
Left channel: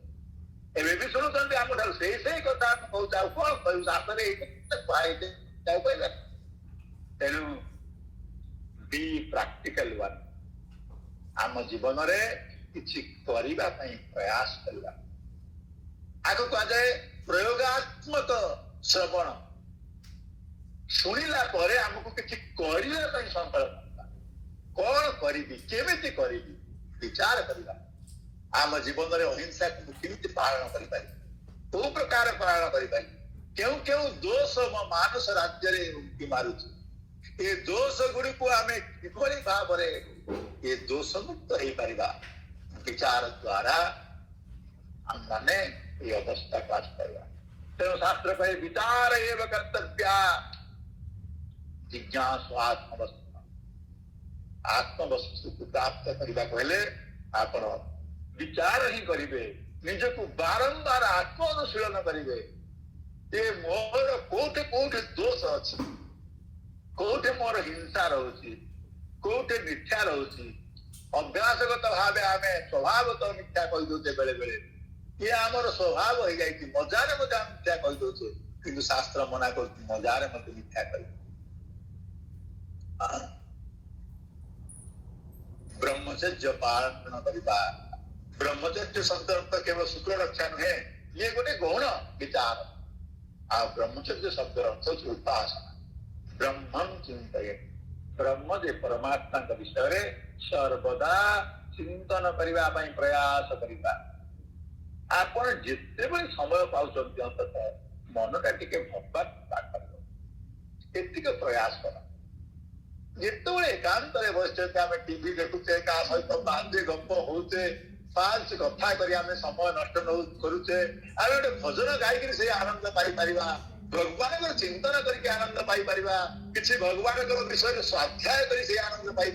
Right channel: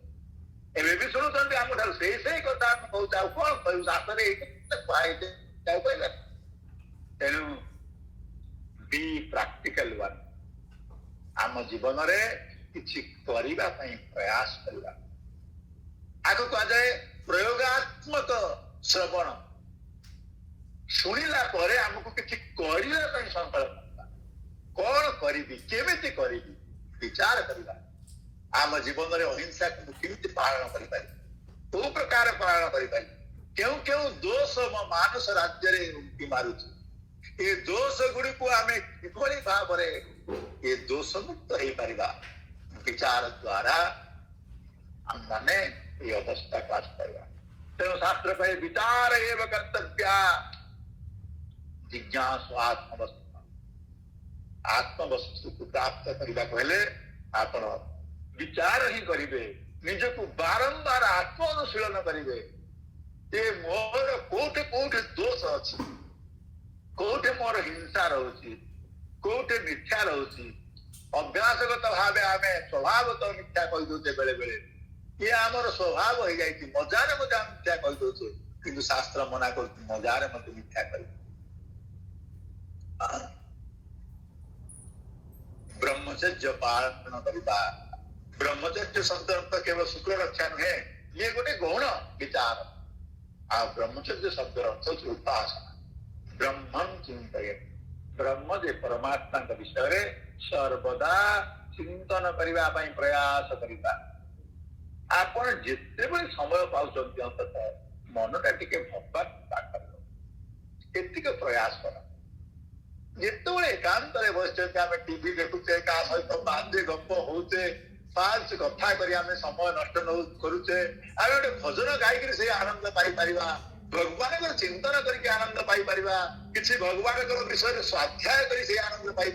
एवं भी शुणुंट आम ठार से कथा कौन कहूँ शास्त्र तेणु बी प्रैक्टिकल वन आम जीवन में किसी करने प्रयास करवा। आगे कह जाए प्रयोगात्मक श्रवण शुणिला आमको किसी करने संकल्प कौन करी केमिति करी विचार करवा। आम जीवन में अहिंसा को केमिति पालन करें कौ प्रकार पालन करें क्यों क्यों दोष मानस राज्य उंकी मारुची ये दोष गुड़ी को आम किभली भाव ये दोष मुक्त हो पार विचार द्वारा हम माने ये अवस्था काज करवा। तेणु शास्त्र कहे विचार एवं कर्तव्य जिज्ञासु आत्मवस्तु आत्मवस्तु को प्राप्त करने पहले आप विचार ही करेंगे निज को बारंबार आत्मानुशीलन करेंगे ये मोर कोठे कोठे दोष अच्छी कोठे मोर हिंसा रोची कोठे मिथ्या रोची अभ्यासगत भाव आम स्वभावत मिथ्या कही दौचे बेले बेले ये आमर स्वभाव हो जाए मजारे मजा मिथ्या कही दौचे कि शास्त्र मना कर मजारे मत मिथ्या कर। ब्रह्मचर्य पालन करवा ब्रह्मचर्य शब्द अर्थ केवल शुक्ल रक्षा नुहे ये गोटे गौण विचार आ ब्रह्मचर्य शब्द अर्थ उपासना ब्रह्मं चिंतये ब्रह्म जे परमात्मा का विषय सर्वदा चिंतन करने प्रयास करवा। आपण जिते भी समय पाउछंती अंततः मनटा टिके भगवान पाकर प्रयास कर जिते एकांत बस आम टीवी देखुचे क्या सहित बांधे गप होचे पांच कथा करी आम समय नष्ट करुचे आम गोटे भजन गायक से आनंद पाई भगवान चिंतन करके आनंद पाई किसी भगवान विषय स्वाध्याय कर से आनंद पाई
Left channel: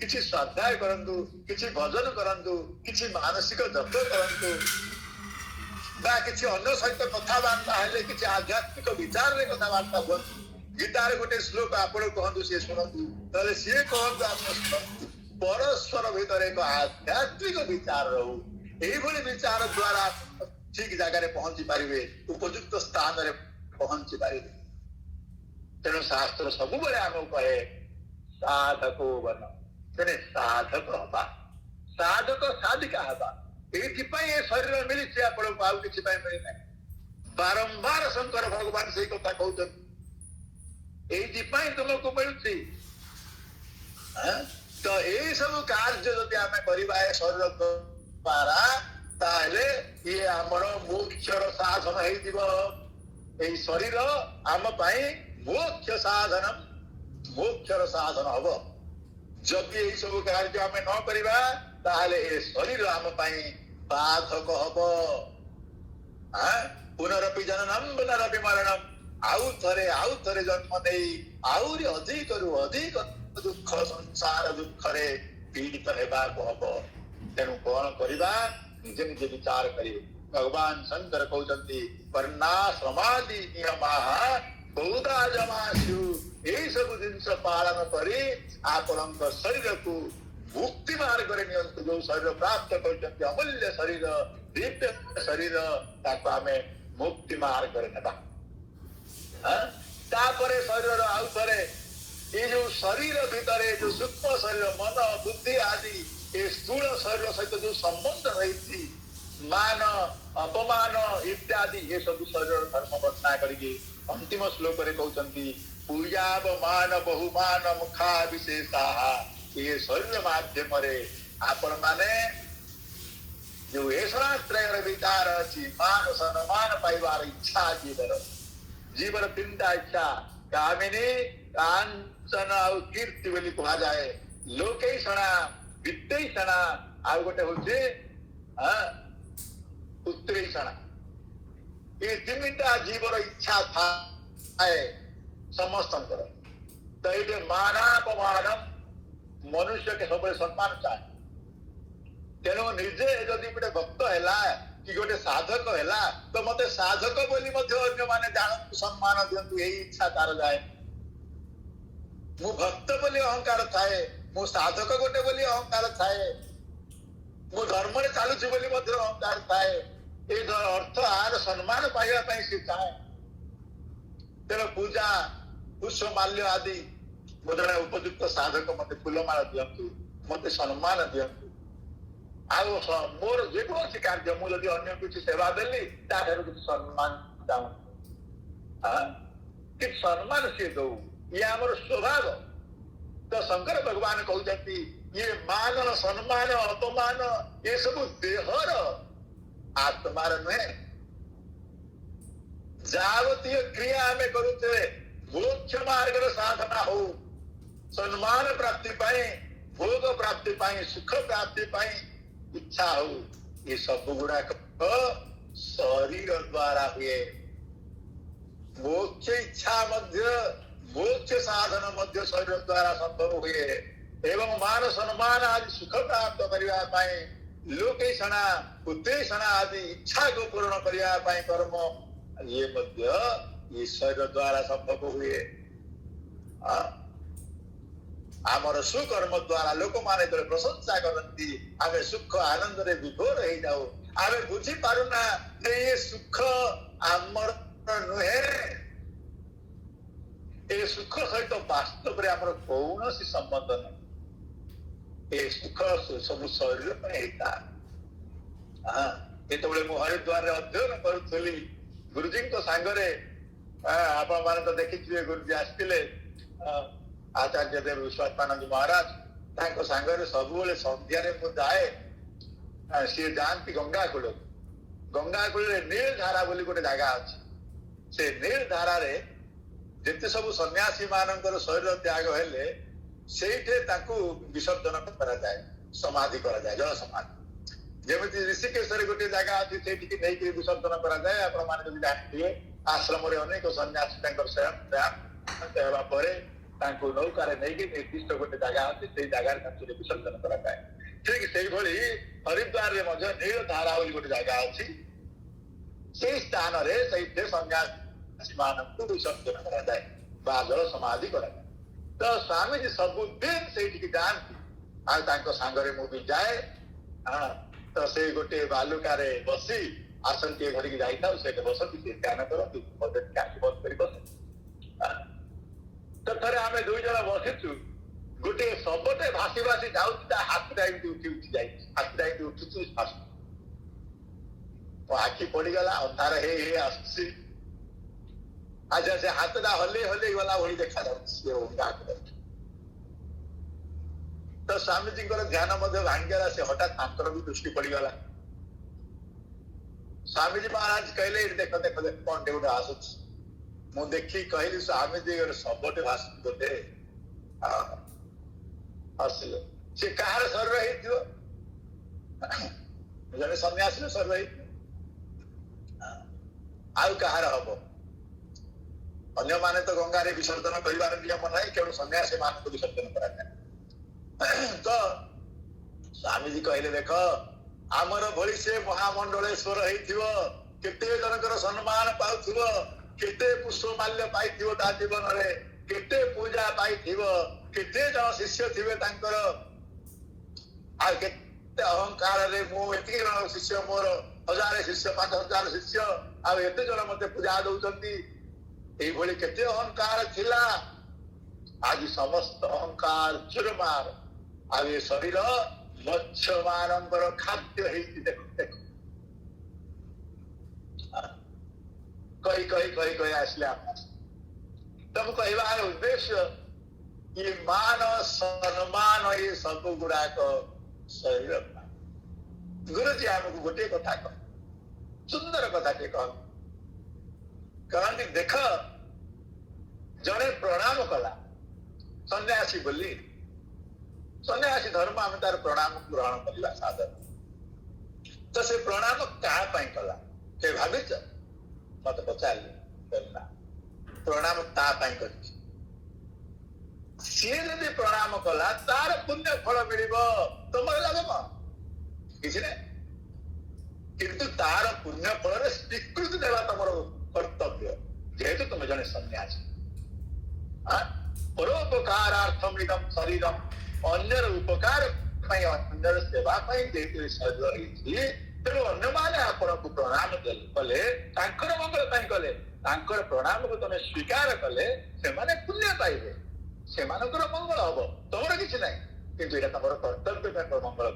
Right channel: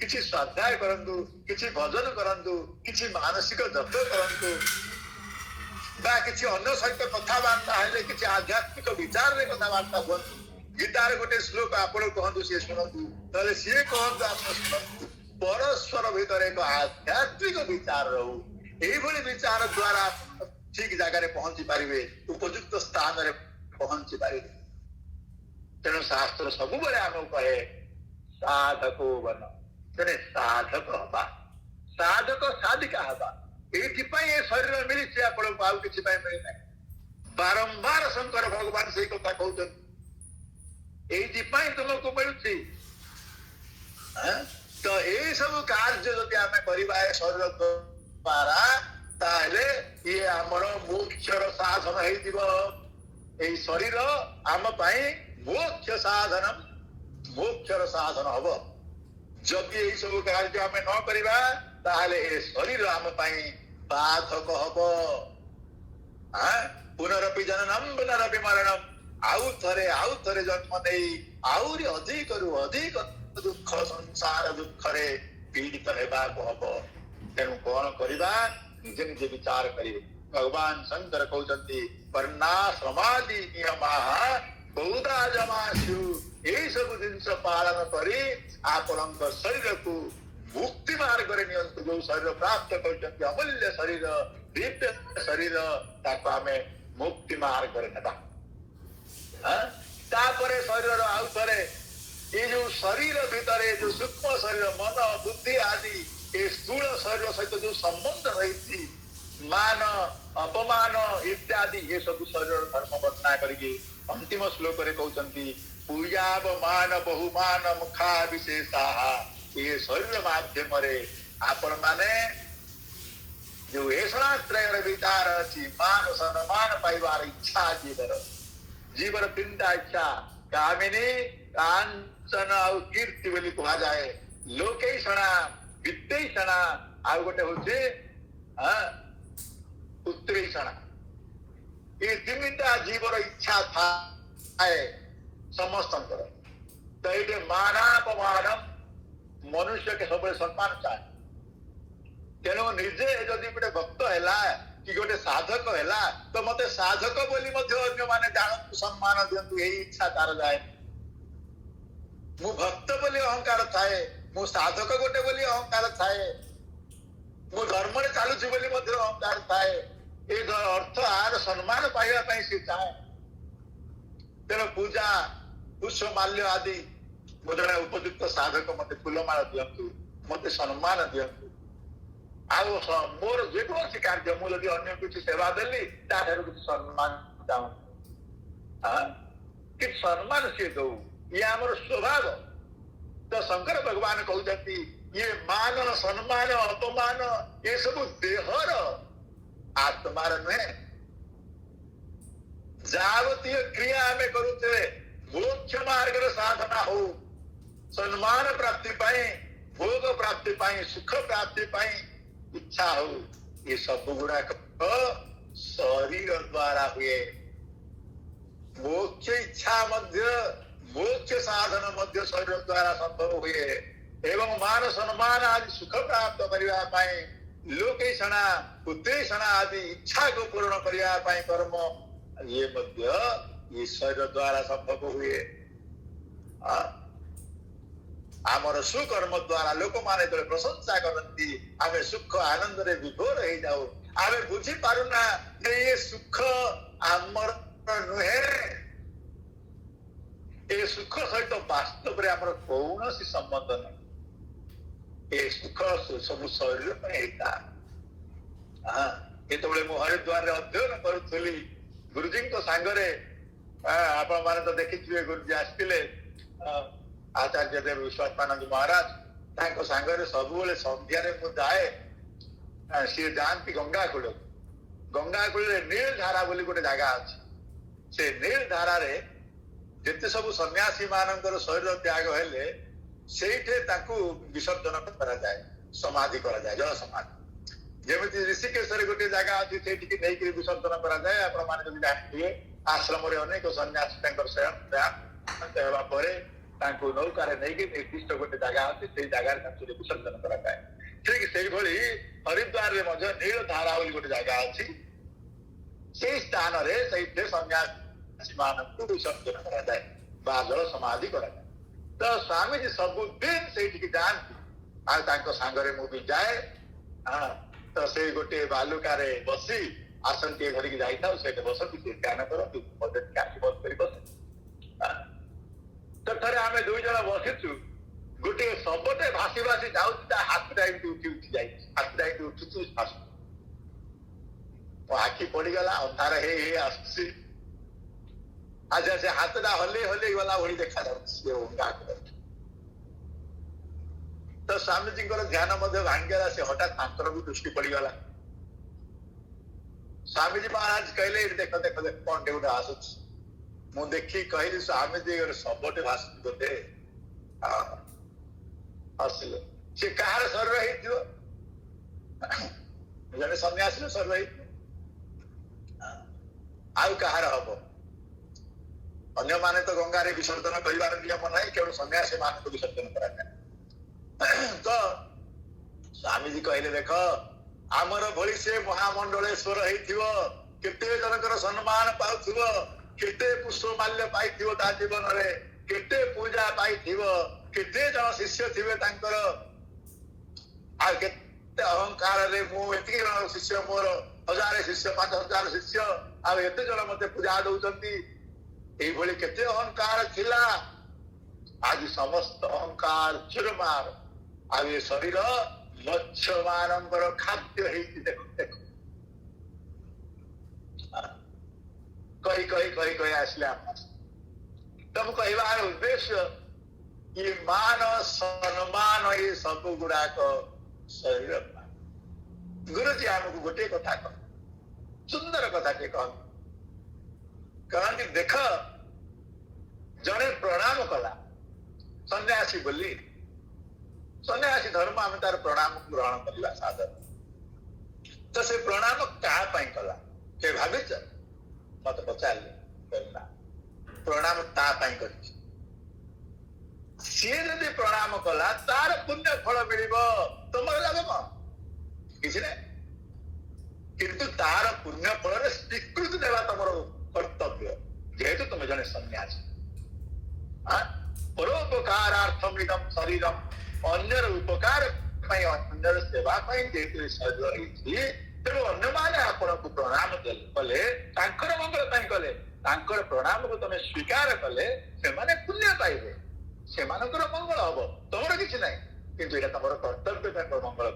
किसी स्वाध्याय करंतु किसी भजन करंतु किसी मानसिक जप करंतु ବା କିଛି ଅନ୍ୟ ସହିତ କଥାବାର୍ତ୍ତା ହେଲେ କିଛି ଆଧ୍ୟାତ୍ମିକ ବିଚାରରେ କଥାବାର୍ତ୍ତା ହୁଅନ୍ତୁ। ଗୀତାରେ ଗୋଟେ ଶ୍ଲୋକ ଆପଣ କୁହନ୍ତୁ, ସିଏ ଶୁଣନ୍ତୁ, ତାହେଲେ ସିଏ କହନ୍ତୁ, ଆପଣ ଶୁଣନ୍ତୁ। ପରସ୍ପର ଭିତରେ ଏକ ଆଧ୍ୟାତ୍ମିକ ବିଚାର ରହୁ। ଏଇଭଳି ବିଚାର ଦ୍ୱାରା ଠିକ ଜାଗାରେ ପହଞ୍ଚି ପାରିବେ, ଉପଯୁକ୍ତ ସ୍ଥାନରେ ପହଞ୍ଚି ପାରିବେ। ତେଣୁ ଶାସ୍ତ୍ର ସବୁବେଳେ ଆମକୁ କହେ ସାଧକ ବନ, ତେଣୁ ସାଧକ ହବା, ସାଧକ ସାଧିକା ହବା। ଏଇଥିପାଇଁ ଏ ଶରୀର ମିଳିଛି ଆପଣଙ୍କୁ, ଆଉ କିଛି ପାଇଁ ମିଳିନାହିଁ। ବାରମ୍ବାର ଶଙ୍କର ଭଗବାନ ସେଇ କଥା କହୁଛନ୍ତି, ଏଇଥିପାଇଁ ତୁମକୁ ମିଳୁଛି। ତ ଏଇ ସବୁ କାର୍ଯ୍ୟ ଯଦି ଆମେ କରିବା ଏ ଶରୀର ଦ୍ୱାରା, ତାହେଲେ ଇଏ ଆମର ମୋକ୍ଷର ସାଧନ ହେଇଯିବ। ଏଇ ଶରୀର ଆମ ପାଇଁ ମୋକ୍ଷ ସାଧନ, ମୋକ୍ଷର ସାଧନ ହବ। ଯଦି ଏଇ ସବୁ କାର୍ଯ୍ୟ ଆମେ ନ କରିବା, ତାହେଲେ ଏ ଶରୀର ଆମ ପାଇଁ ବାଧକ ହବ। ପୁନରପି ଜନନମ୍ ପୁନରପି ମରଣମ୍, ଆଉ ଥରେ ଜନ୍ମ ନେଇ ଆହୁରି ଅଧିକରୁ ଅଧିକ ଦୁଃଖ, ସଂସାର ଦୁଃଖରେ ପୀଡ଼ିତ ହେବାକୁ ହବ। ତେଣୁ କଣ କରିବା? ନିଜେ ନିଜେ ବିଚାର କରିବେ। ଭଗବାନ ଶଙ୍କର କହୁଛନ୍ତି ବର୍ଣ୍ଣାଶ୍ରମାଦି ନିୟମାଃ ବହୁଧା ଜମାସୁ, ଏଇ ସବୁ ଜିନିଷ ପାଳନ କରି ଆପଣଙ୍କ ଶରୀରକୁ ମୁକ୍ତି ମାର୍ଗରେ ନିଅନ୍ତୁ। ଯୋଉ ଶରୀର ପ୍ରାପ୍ତ କରିଛନ୍ତି, ଅମୂଲ୍ୟ ଶରୀର, ଦିବ୍ୟ ଶରୀର, ତାକୁ ଆମେ ମୁକ୍ତି ମାର୍ଗରେ ନେବା। ତାପରେ ଶରୀରର ଆଉ ଥରେ ଏଇ ଯୋଉ ଶରୀର ଭିତରେ ଯୋଉ ସୂକ୍ଷ୍ମ ଶରୀର, ମନ, ବୁଦ୍ଧି ଆଦି ଏ ସ୍ଥୂଳ ଶରୀର ସହିତ ଯୋଉ ସମ୍ବନ୍ଧ ରହିଛି, ମାନ ଅପମାନ ଇତ୍ୟାଦି, ଏ ସବୁ ଶରୀରର ଧର୍ମ ବର୍ଣ୍ଣନା କରିକି ଅନ୍ତିମ ଶ୍ଲୋକରେ କହୁଛନ୍ତି ପୂଜାବ ମାନ ବହୁମାନ ମୁଖା ବିଶେଷାଃ। ଏ ଶରୀର ମାଧ୍ୟମରେ ଆପଣ ମାନେ ଯୋଉ ଏଷଣାତ୍ରୟର ବିଚାର ଅଛି, ମାନ ସମ୍ମାନ ପାଇବାର ଇଚ୍ଛା ଜୀବର ତିନିଟା ଇଚ୍ଛା, କାମିନୀ, କାଞ୍ଚନ ଆଉ କୀର୍ତ୍ତି ବୋଲି କୁହାଯାଏ। ଲୋକେଷଣା, ବିତ୍ତେଷଣା, ଆଉ ଗୋଟେ ହଉଛି ଉତ୍ତେଷଣା। ଏ ତିନିଟା ଜୀବର ଇଚ୍ଛା ଥାଏ ସମସ୍ତଙ୍କର। ତ ଏଇଠି ମାନାପମାନ, ମନୁଷ୍ୟকে ସବୁବେଳେ ସମ୍ମାନ ଚାହେଁ। ତେଣୁ ନିଜେ ଯଦି ଗୋଟେ ଭକ୍ତ ହେଲା କି ଗୋଟେ ସାଧକ ହେଲା, ତ ମତେ ସାଧକ ବୋଲି ମଧ୍ୟ ଅନ୍ୟମାନେ ଜାଣନ୍ତୁ, ସମ୍ମାନ ଦିଅନ୍ତୁ, ଏଇ ଇଚ୍ଛା ତାର ଯାଏ। ମୁଁ ଭକ୍ତ ବୋଲି ଅହଙ୍କାର ଥାଏ, ମୁଁ ସାଧକ ଗୋଟେ ବୋଲି ଅହଙ୍କାର ଥାଏ, ମୁଁ ଧର୍ମରେ ଚାଲୁଛି ବୋଲି ମଧ୍ୟ ଅହଙ୍କାର ଥାଏ। ଏ ଅର୍ଥ ଆର ସମ୍ମାନ ପାଇବା ପାଇଁ ସେ ଚାହେଁ। ତେଣୁ ପୂଜା, ପୁଷ୍ପ ମାଲ୍ୟ ଆଦି, ମୁଁ ଜଣେ ଉପଯୁକ୍ତ ସାଧକ, ମତେ ଫୁଲମାଳ ଦିଅନ୍ତୁ, ମତେ ସମ୍ମାନ ଦିଅନ୍ତୁ। ଆଉ ମୋର ଯେକୌଣସି କାର୍ଯ୍ୟ, ମୁଁ ଯଦି ଅନ୍ୟ କିଛି ସେବା ଦେଲି, ତାଠାରୁ କିଛି ସମ୍ମାନ ଚାହୁଁ, କିଛି ସମ୍ମାନ ସିଏ ଦଉ, ଇଏ ଆମର ସ୍ୱଭାବ। ତ ଶଙ୍କର ଭଗବାନ କହୁଛନ୍ତି ଇଏ ମାନ, ସମ୍ମାନ, ଅପମାନ ଏସବୁ ଦେହର, ଆତ୍ମାର ନୁହେଁ। ଯାବତୀୟ କ୍ରିୟା ଆମେ କରୁଥିଲେ ମୋକ୍ଷ ମାର୍ଗର ସାଧନା ହଉ, ସମ୍ମାନ ପ୍ରାପ୍ତି ପାଇଁ, ଭୋଗ ପ୍ରାପ୍ତି ପାଇଁ, ସୁଖ ପ୍ରାପ୍ତି ପାଇଁ ଇଚ୍ଛା ହଉ, ଏ ସବୁ ଗୁଡାକ ଶରୀର ଦ୍ୱାରା ହୁଏ। ମୋକ୍ଷ ଇଚ୍ଛା ମଧ୍ୟ, ମୋକ୍ଷ ସାଧନ ମଧ୍ୟ ଶରୀର ଦ୍ୱାରା ସମ୍ଭବ ହୁଏ। ଏବଂ ମାନ ସମ୍ମାନ ଆଦି ସୁଖ ପ୍ରାପ୍ତ କରିବା ପାଇଁ, ଲୋକେଷଣା, ଉଦ୍ଦେଶଣା ଆଦି ଇଚ୍ଛାକୁ ପୂରଣ କରିବା ପାଇଁ କର୍ମ, ଇଏ ମଧ୍ୟ ଈଶ୍ୱର ଦ୍ୱାରା ସମ୍ଭବ ହୁଏ। ଆମର ସୁକର୍ମ ଦ୍ୱାରା ଲୋକମାନେ ଯେତେବେଳେ ପ୍ରଶଂସା କରନ୍ତି, ଆମେ ସୁଖ ଆନନ୍ଦରେ ବିଭୋର ହେଇଯାଉ। ଆମେ ବୁଝିପାରୁନା ଯେ ଏ ସୁଖ ଆମର ନୁହେଁ, ଏ ସୁଖ ସହିତ ବାସ୍ତବରେ ଆମର କୌଣସି ସମ୍ବନ୍ଧ ନାହିଁ। ଏ ସୁଖ ସବୁ ଶରୀର ପାଇଁ ହେଇଥାଏ। ଯେତେବେଳେ ମୁଁ ହରିଦ୍ୱାରରେ ଅଧ୍ୟୟନ କରୁଥିଲି, ଗୁରୁଜୀଙ୍କ ସାଙ୍ଗରେ, ଆପଣ ମାନେ ତ ଦେଖିଥିବେ, ଗୁରୁଜୀ ଆସିଥିଲେ, ଆଚାର୍ଯ୍ୟ ଦେବ ବିଶ୍ୱାତ୍ମାନନ୍ଦ ମହାରାଜ, ତାଙ୍କ ସାଙ୍ଗରେ ସବୁବେଳେ ସନ୍ଧ୍ୟାରେ ମୁଁ ଯାଏ। ସିଏ ଯାଆନ୍ତି ଗଙ୍ଗା କୂଳକୁ। ଗଙ୍ଗା କୂଳରେ ନୀଳ ଧାରା ବୋଲି ଗୋଟେ ଜାଗା ଅଛି। ସେ ନୀଳ ଧାରାରେ ଯେତେ ସବୁ ସନ୍ନ୍ୟାସୀ ମାନଙ୍କର ଶରୀର ତ୍ୟାଗ ହେଲେ, ସେଇଠି ତାଙ୍କୁ ବିସର୍ଜନ କରାଯାଏ, ସମାଧି କରାଯାଏ, ଜଳ ସମାଧି। ଯେମିତି ଋଷିକେଶରେ ଗୋଟେ ଜାଗା ଅଛି, ସେଇଠିକି ନେଇକି ବିସର୍ଜନ କରାଯାଏ। ଆପଣ ମାନେ ଯଦି ଜାଣିଥିବେ, ଆଶ୍ରମରେ ଅନେକ ସନ୍ନ୍ୟାସୀ ତାଙ୍କର ଦେହାନ୍ତ ହେବା ପରେ ତାଙ୍କୁ ନୌକାରେ ନେଇକି ନିର୍ଦ୍ଦିଷ୍ଟ ଗୋଟେ ଜାଗା ଅଛି, ସେଇ ଜାଗାରେ ତାଙ୍କୁ ବିସର୍ଜନ କରାଯାଏ। ଠିକ ସେଇଭଳି ହରିଦ୍ୱାରରେ ମଧ୍ୟ ନୀଳ ଧାରା ବୋଲି ଗୋଟେ ଜାଗା ଅଛି। से स्थान सन्यासी मानक विसर्जन करा जल समाधि करा। तो स्वामी जी सबुदिन से जाती आंगरे मु भी जाए। हाँ तो से गोटे बालुकार बसी आसन टे धरिकी जाता से बसती ध्यान करती बंद कर बस। तो थे आम दुई जन बसीचु गोटे सबटे भासी भासी जाऊँ हाथटा एमती उठी उठी जाए हाथटा एमती उठुचु आखि पड़गला अंधार हे आसुची अच्छा से हाथटा हल्ले हल्ले गला भाई देखा जाऊँ। तो स्वामीजी ध्यान भांगीगला से हठात तांकर भी दृष्टि पड़गला। स्वामीजी महाराज कहले देख देख देख कौन टे गोटे आसुच मु देखी कहली स्वामीजी गोटे सबटे भाषी बोधे हसिल सी कहार शरीर हो जने सन्यासी शरीर आउ कहार हम अन्य माने तो गंगारे विसर्जन कर नियम ना केवल सन्यासी मान को विसर्जन करा। तो स्वामीजी कहले देख आमर भली से महामंडलेश्वर केते जनकर सम्मान पाउथिव केते पुष्पमाल्य पाइथिव ता जीवन रे केते पूजा पाइथिव केते जन शिष्य थिबे तांकर आ केते अहंकार रे मु एति जन शिष्य मोर 1000 शिष्य 5000 शिष्य आ एते जन मते पूजा दउचंती एई भली केते अहंकार थिला आज समस्त अहंकार चुरमार आ ये शरीर मत्स्य मानकर खाद्य देखो देखो कही कही कही कही आसले तब कहबार उद्देश्य ये मान सम्मान ये सब गुड़ाक शरीर गुरुजी आमको गोटे कथा कह सुंदर कथा टे कहती देख जड़े प्रणाम कला सन्यासी बोली सन्यासी धर्म आम तार प्रणाम ग्रहण करवा साधन तो से प्रणाम क्या कला से भाविच मत पचारे प्रणाम कर सी जदि प्रणाम कला तार पुण्य फल मिल तुम लाभ कौन किसी ने किंतु तार पुण्य फल स्वीकृति देवा तुम कर्तव्य जेहेतु तुम जने सन्यासी परोपकारार्थम इदम शरीरम अन्यर उपकार अन्यर सेवा शरीर तेणु अन्य माने आपन को प्रणाम कले मंगल कले प्रणाम को तुम स्वीकार कले से पुण्य पाइबे से मंगल हम तुम किसी ना कि तुम कर्तव्य मंगल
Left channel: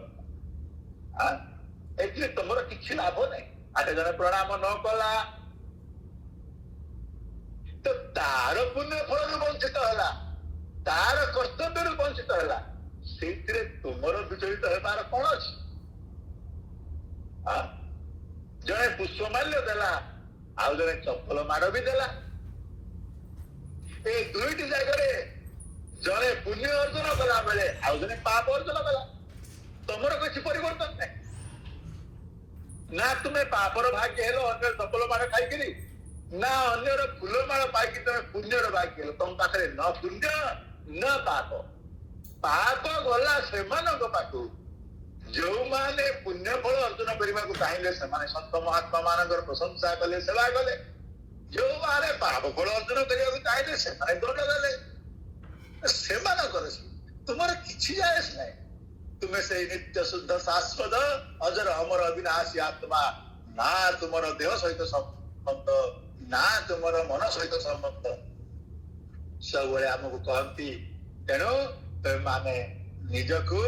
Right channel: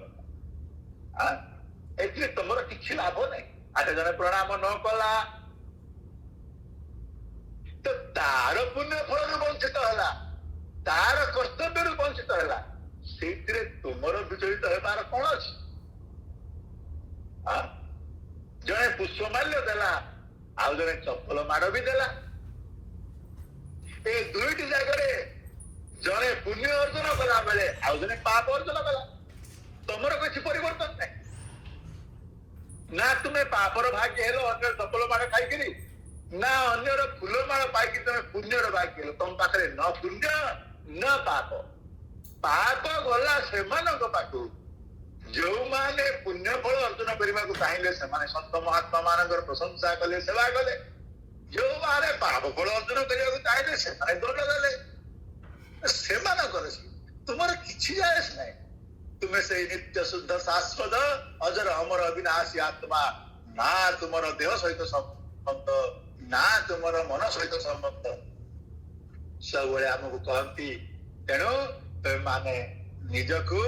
ए तुम कि लाभ ना आज जन प्रणाम न कला तो तार पुण्य फल वंचित है तार कर्तव्य वंचित है तुमर विचलित होबार कौन अच्छी जड़े पुष्पमाल्य देला आउ जड़े चप्पल माड़ भी देला ए दुईटी जगह जड़े पुण्य अर्जन कला बेले आउ जड़े पाप अर्जन कला तुमर किसी परिवर्तन नहीं ना तुम्हें पापर भाग्य हेलो अन्य चप्पल माड़ खाई ना अन्यर फूलमाल पाई तुम्हें पुण्यर भाग्य हेलो तुम पाखे न पुण्य न पाप पाप गला से पाखु जो माने पुण्य फल अर्जन करने को चाहिए से सत महात्मा मान प्रशंसा कले सेवा कले जो माने पाप फल अर्जन करने को चाहिए से दंड देले से तुमर किछि जायस नहीं तुम्हें से नित्य शुद्ध शाश्वत अजर अमर अविनाशी आत्मा ना तुमर देह सहित संबंध ना तुमर मन सहित संबंध सब आमको कहती तेणु माने निजको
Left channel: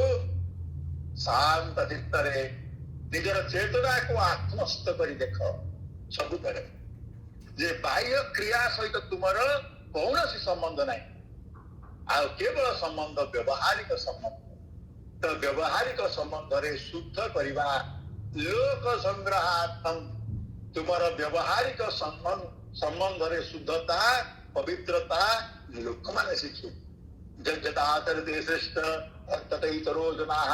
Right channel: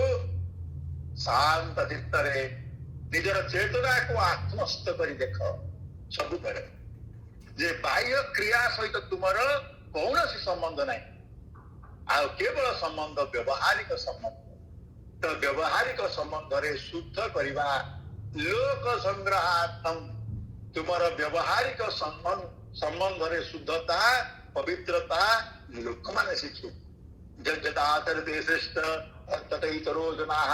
शांत चित्त निजर चेतना को आत्मस्थ कर देख सब बेले जे बाह्य क्रिया सहित तुमर कौन संबंध नहीं आ केवल संबंध व्यवहारिक संबंध तो व्यवहारिक संबंध रे शुद्ध करवा लोक संग्रहार्थम तुमर व्यवहारिक संबंध रे शुद्धता पवित्रता लोक माने शिक्षु जगदाचरते श्रेष्ठ ततैतरो जनाः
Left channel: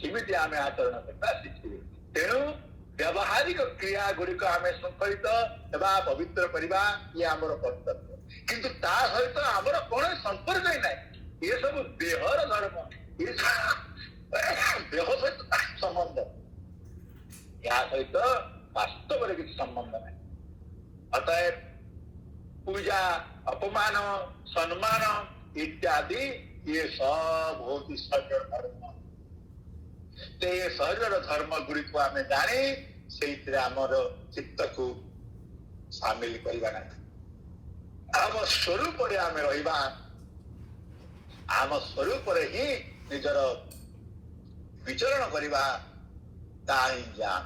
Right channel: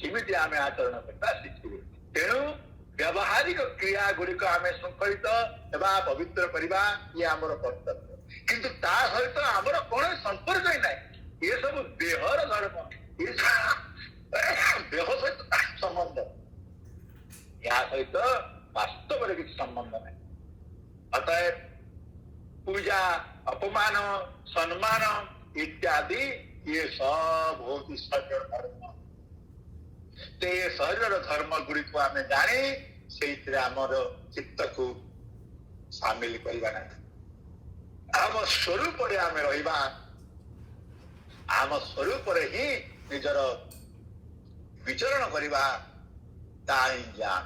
किमिति आमे आचरण करता शिक्षु तेणु व्यावहारिक क्रिया गुड़िक आम श्रृंखलित एवं पवित्र करवा ये आमर कर्तव्य किंतु ता सहित आमर कौन संपर्क ही नहीं ये सब देहर धर्म ये देह सहित संबंध सहित वास्तव में किसी संबंध नहीं। अतएव पूजा अपमान सम्मान इत्यादि ये सब होती शरीर धर्म। ते शरीर धर्म गुड़ी को आम जानी से आमर चित्त को सामिल करवा ना। आम स्वरूप आम रहा, आम स्वरूप ही निजर विचरण करवा ज्ञान।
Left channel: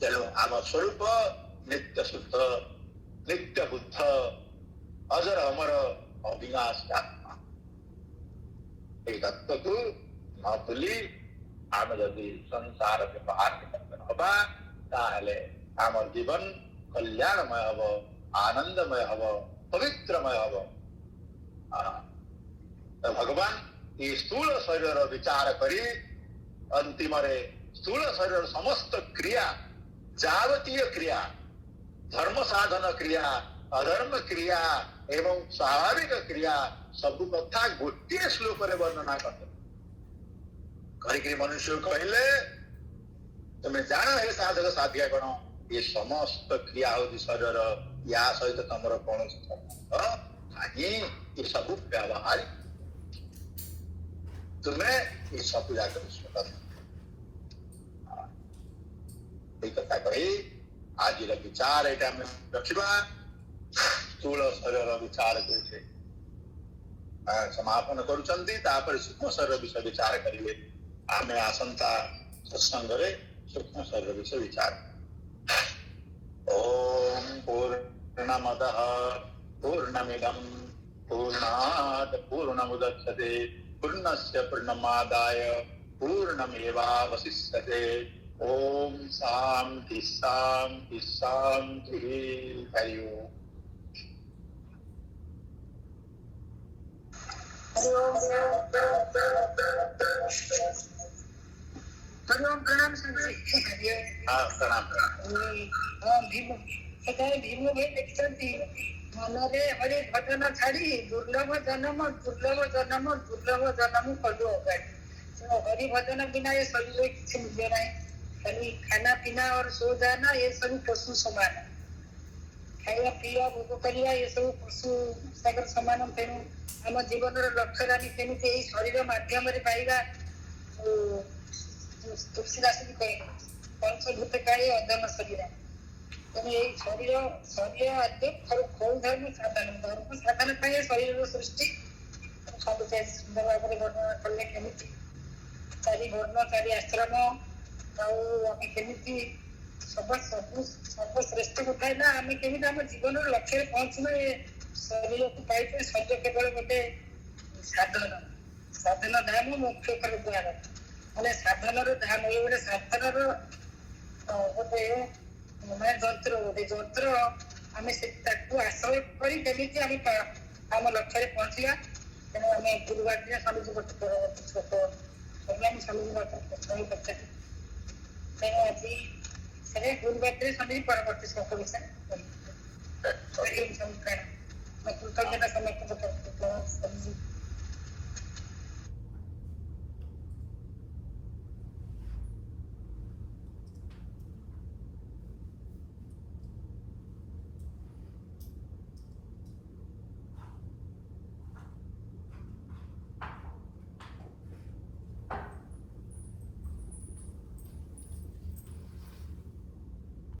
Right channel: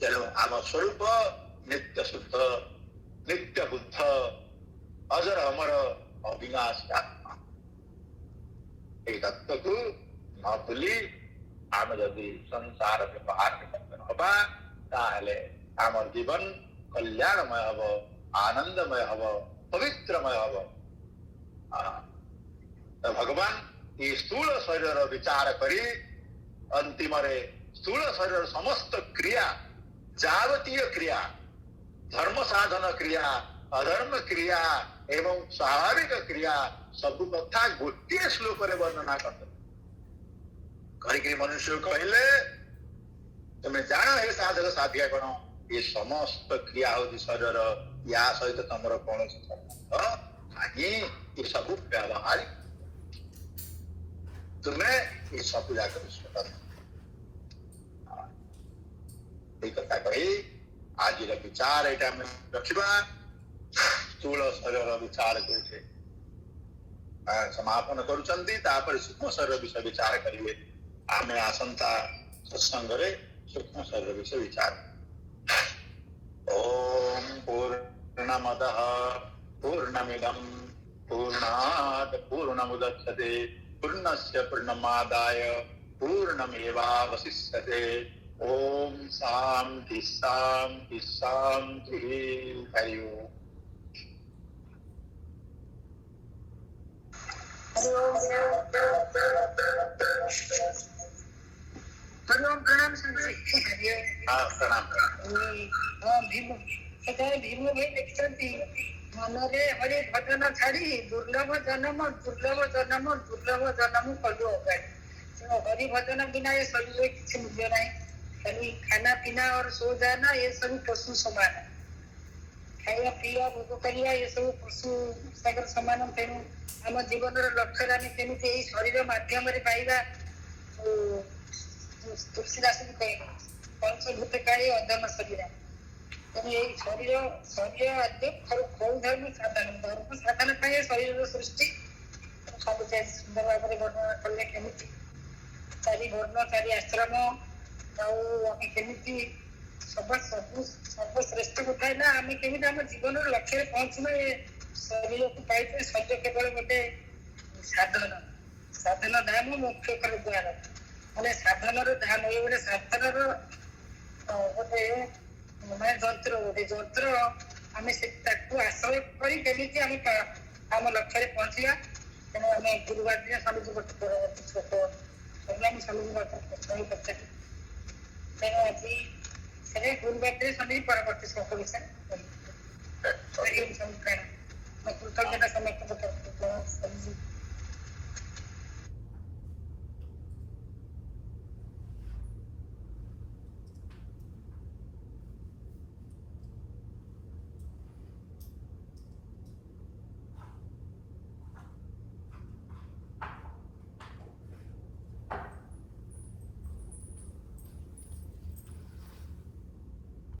तेणु आम स्वरूप नित्य शुद्ध नित्य बुद्ध अजर अमर अविनाशी आत्मा। ये तत्व को न भूली आम जदि संसार व्यवहार हवा ताहले आम जीवन कल्याणमय हब, आनंदमय हब, पवित्रमय हब। तो भगवान ये स्थूल शरीर विचार करी अंतिम स्थूल शरीर समस्त क्रिया जावतीय क्रिया धर्म साधन क्रिया अधर्म क्रिया एवं स्वाभाविक क्रिया सब कथा गोटे श्लोक वर्णना कर मनुष्य कहले तुम्हें जान है साधक साधिया कौन ये समस्त क्रिया होती शरीर या सहित तुम कौन संबंध नहीं। ये सब व्यावहारिक तुम्हें ये सब जाकर कथा कही आज विचार यहाँ रखा स्थूल शरीर विचार करके समापन कर सूक्ष्म शरीर विषय विचार करेंगे। आम आसंता सत्संग सूक्ष्म शरीर विषय विचार। ओम पूर्णमदः पूर्णमिदं पूर्णात् पूर्णमुदच्यते पूर्णस्य पूर्णमादाय पूर्णमेवावशिष्यते। ओम शांति शांति शांति। हरि ओम। प्रणाम संजय। हाँ प्रणाम। भीम भाई लिखते मनरे हरि भजन छाड़ी दुर्लभ जन्म कलु अगाड़ी। हरि भजन बिना ये शरीर किसी मूल्य ना। खाली खाना पीना और सो जाना ये सब पशु समान। खाଇବା ପିଇବା ଭୋଗ କରିବା ये सब पशु सागर समान। तेणु आम जीवन लक्ष्य आम केମିତି ଏଇ ଶରୀର ମାଧ୍ୟମରେ ପାଇବା। तुलसीदास भी कहे पंचभूत काली अधम शरीर। तेणु यही शरीर आद्य कौन धर्म साधन शरीर सृष्टि सब सुंदर भाव में वर्णना कले केमिति चारि वर्ण चारि आश्रम आम केमिति सर्वश्रेष्ठ कथा ना आम केमिति आम जीवन लक्ष्य पहुंचना। ये शरीर को पाई शरीर केवल गोटे साधन धाम मुख्य कर द्वार मैंने साधन धाम ये गोटे साधन गोटे मैं जंत्र गोटे जंत्र आम से आश्रय कर आम लक्ष्य पहुंचा। तेणु आम गुरुवार दिन स्वामी गोटे छोट स्वामी प्रश्न पचारि। तेणु आज से गुरुवार दिन स्वामी परवर्ती श्लोक विषय कृतज्ञता समस्त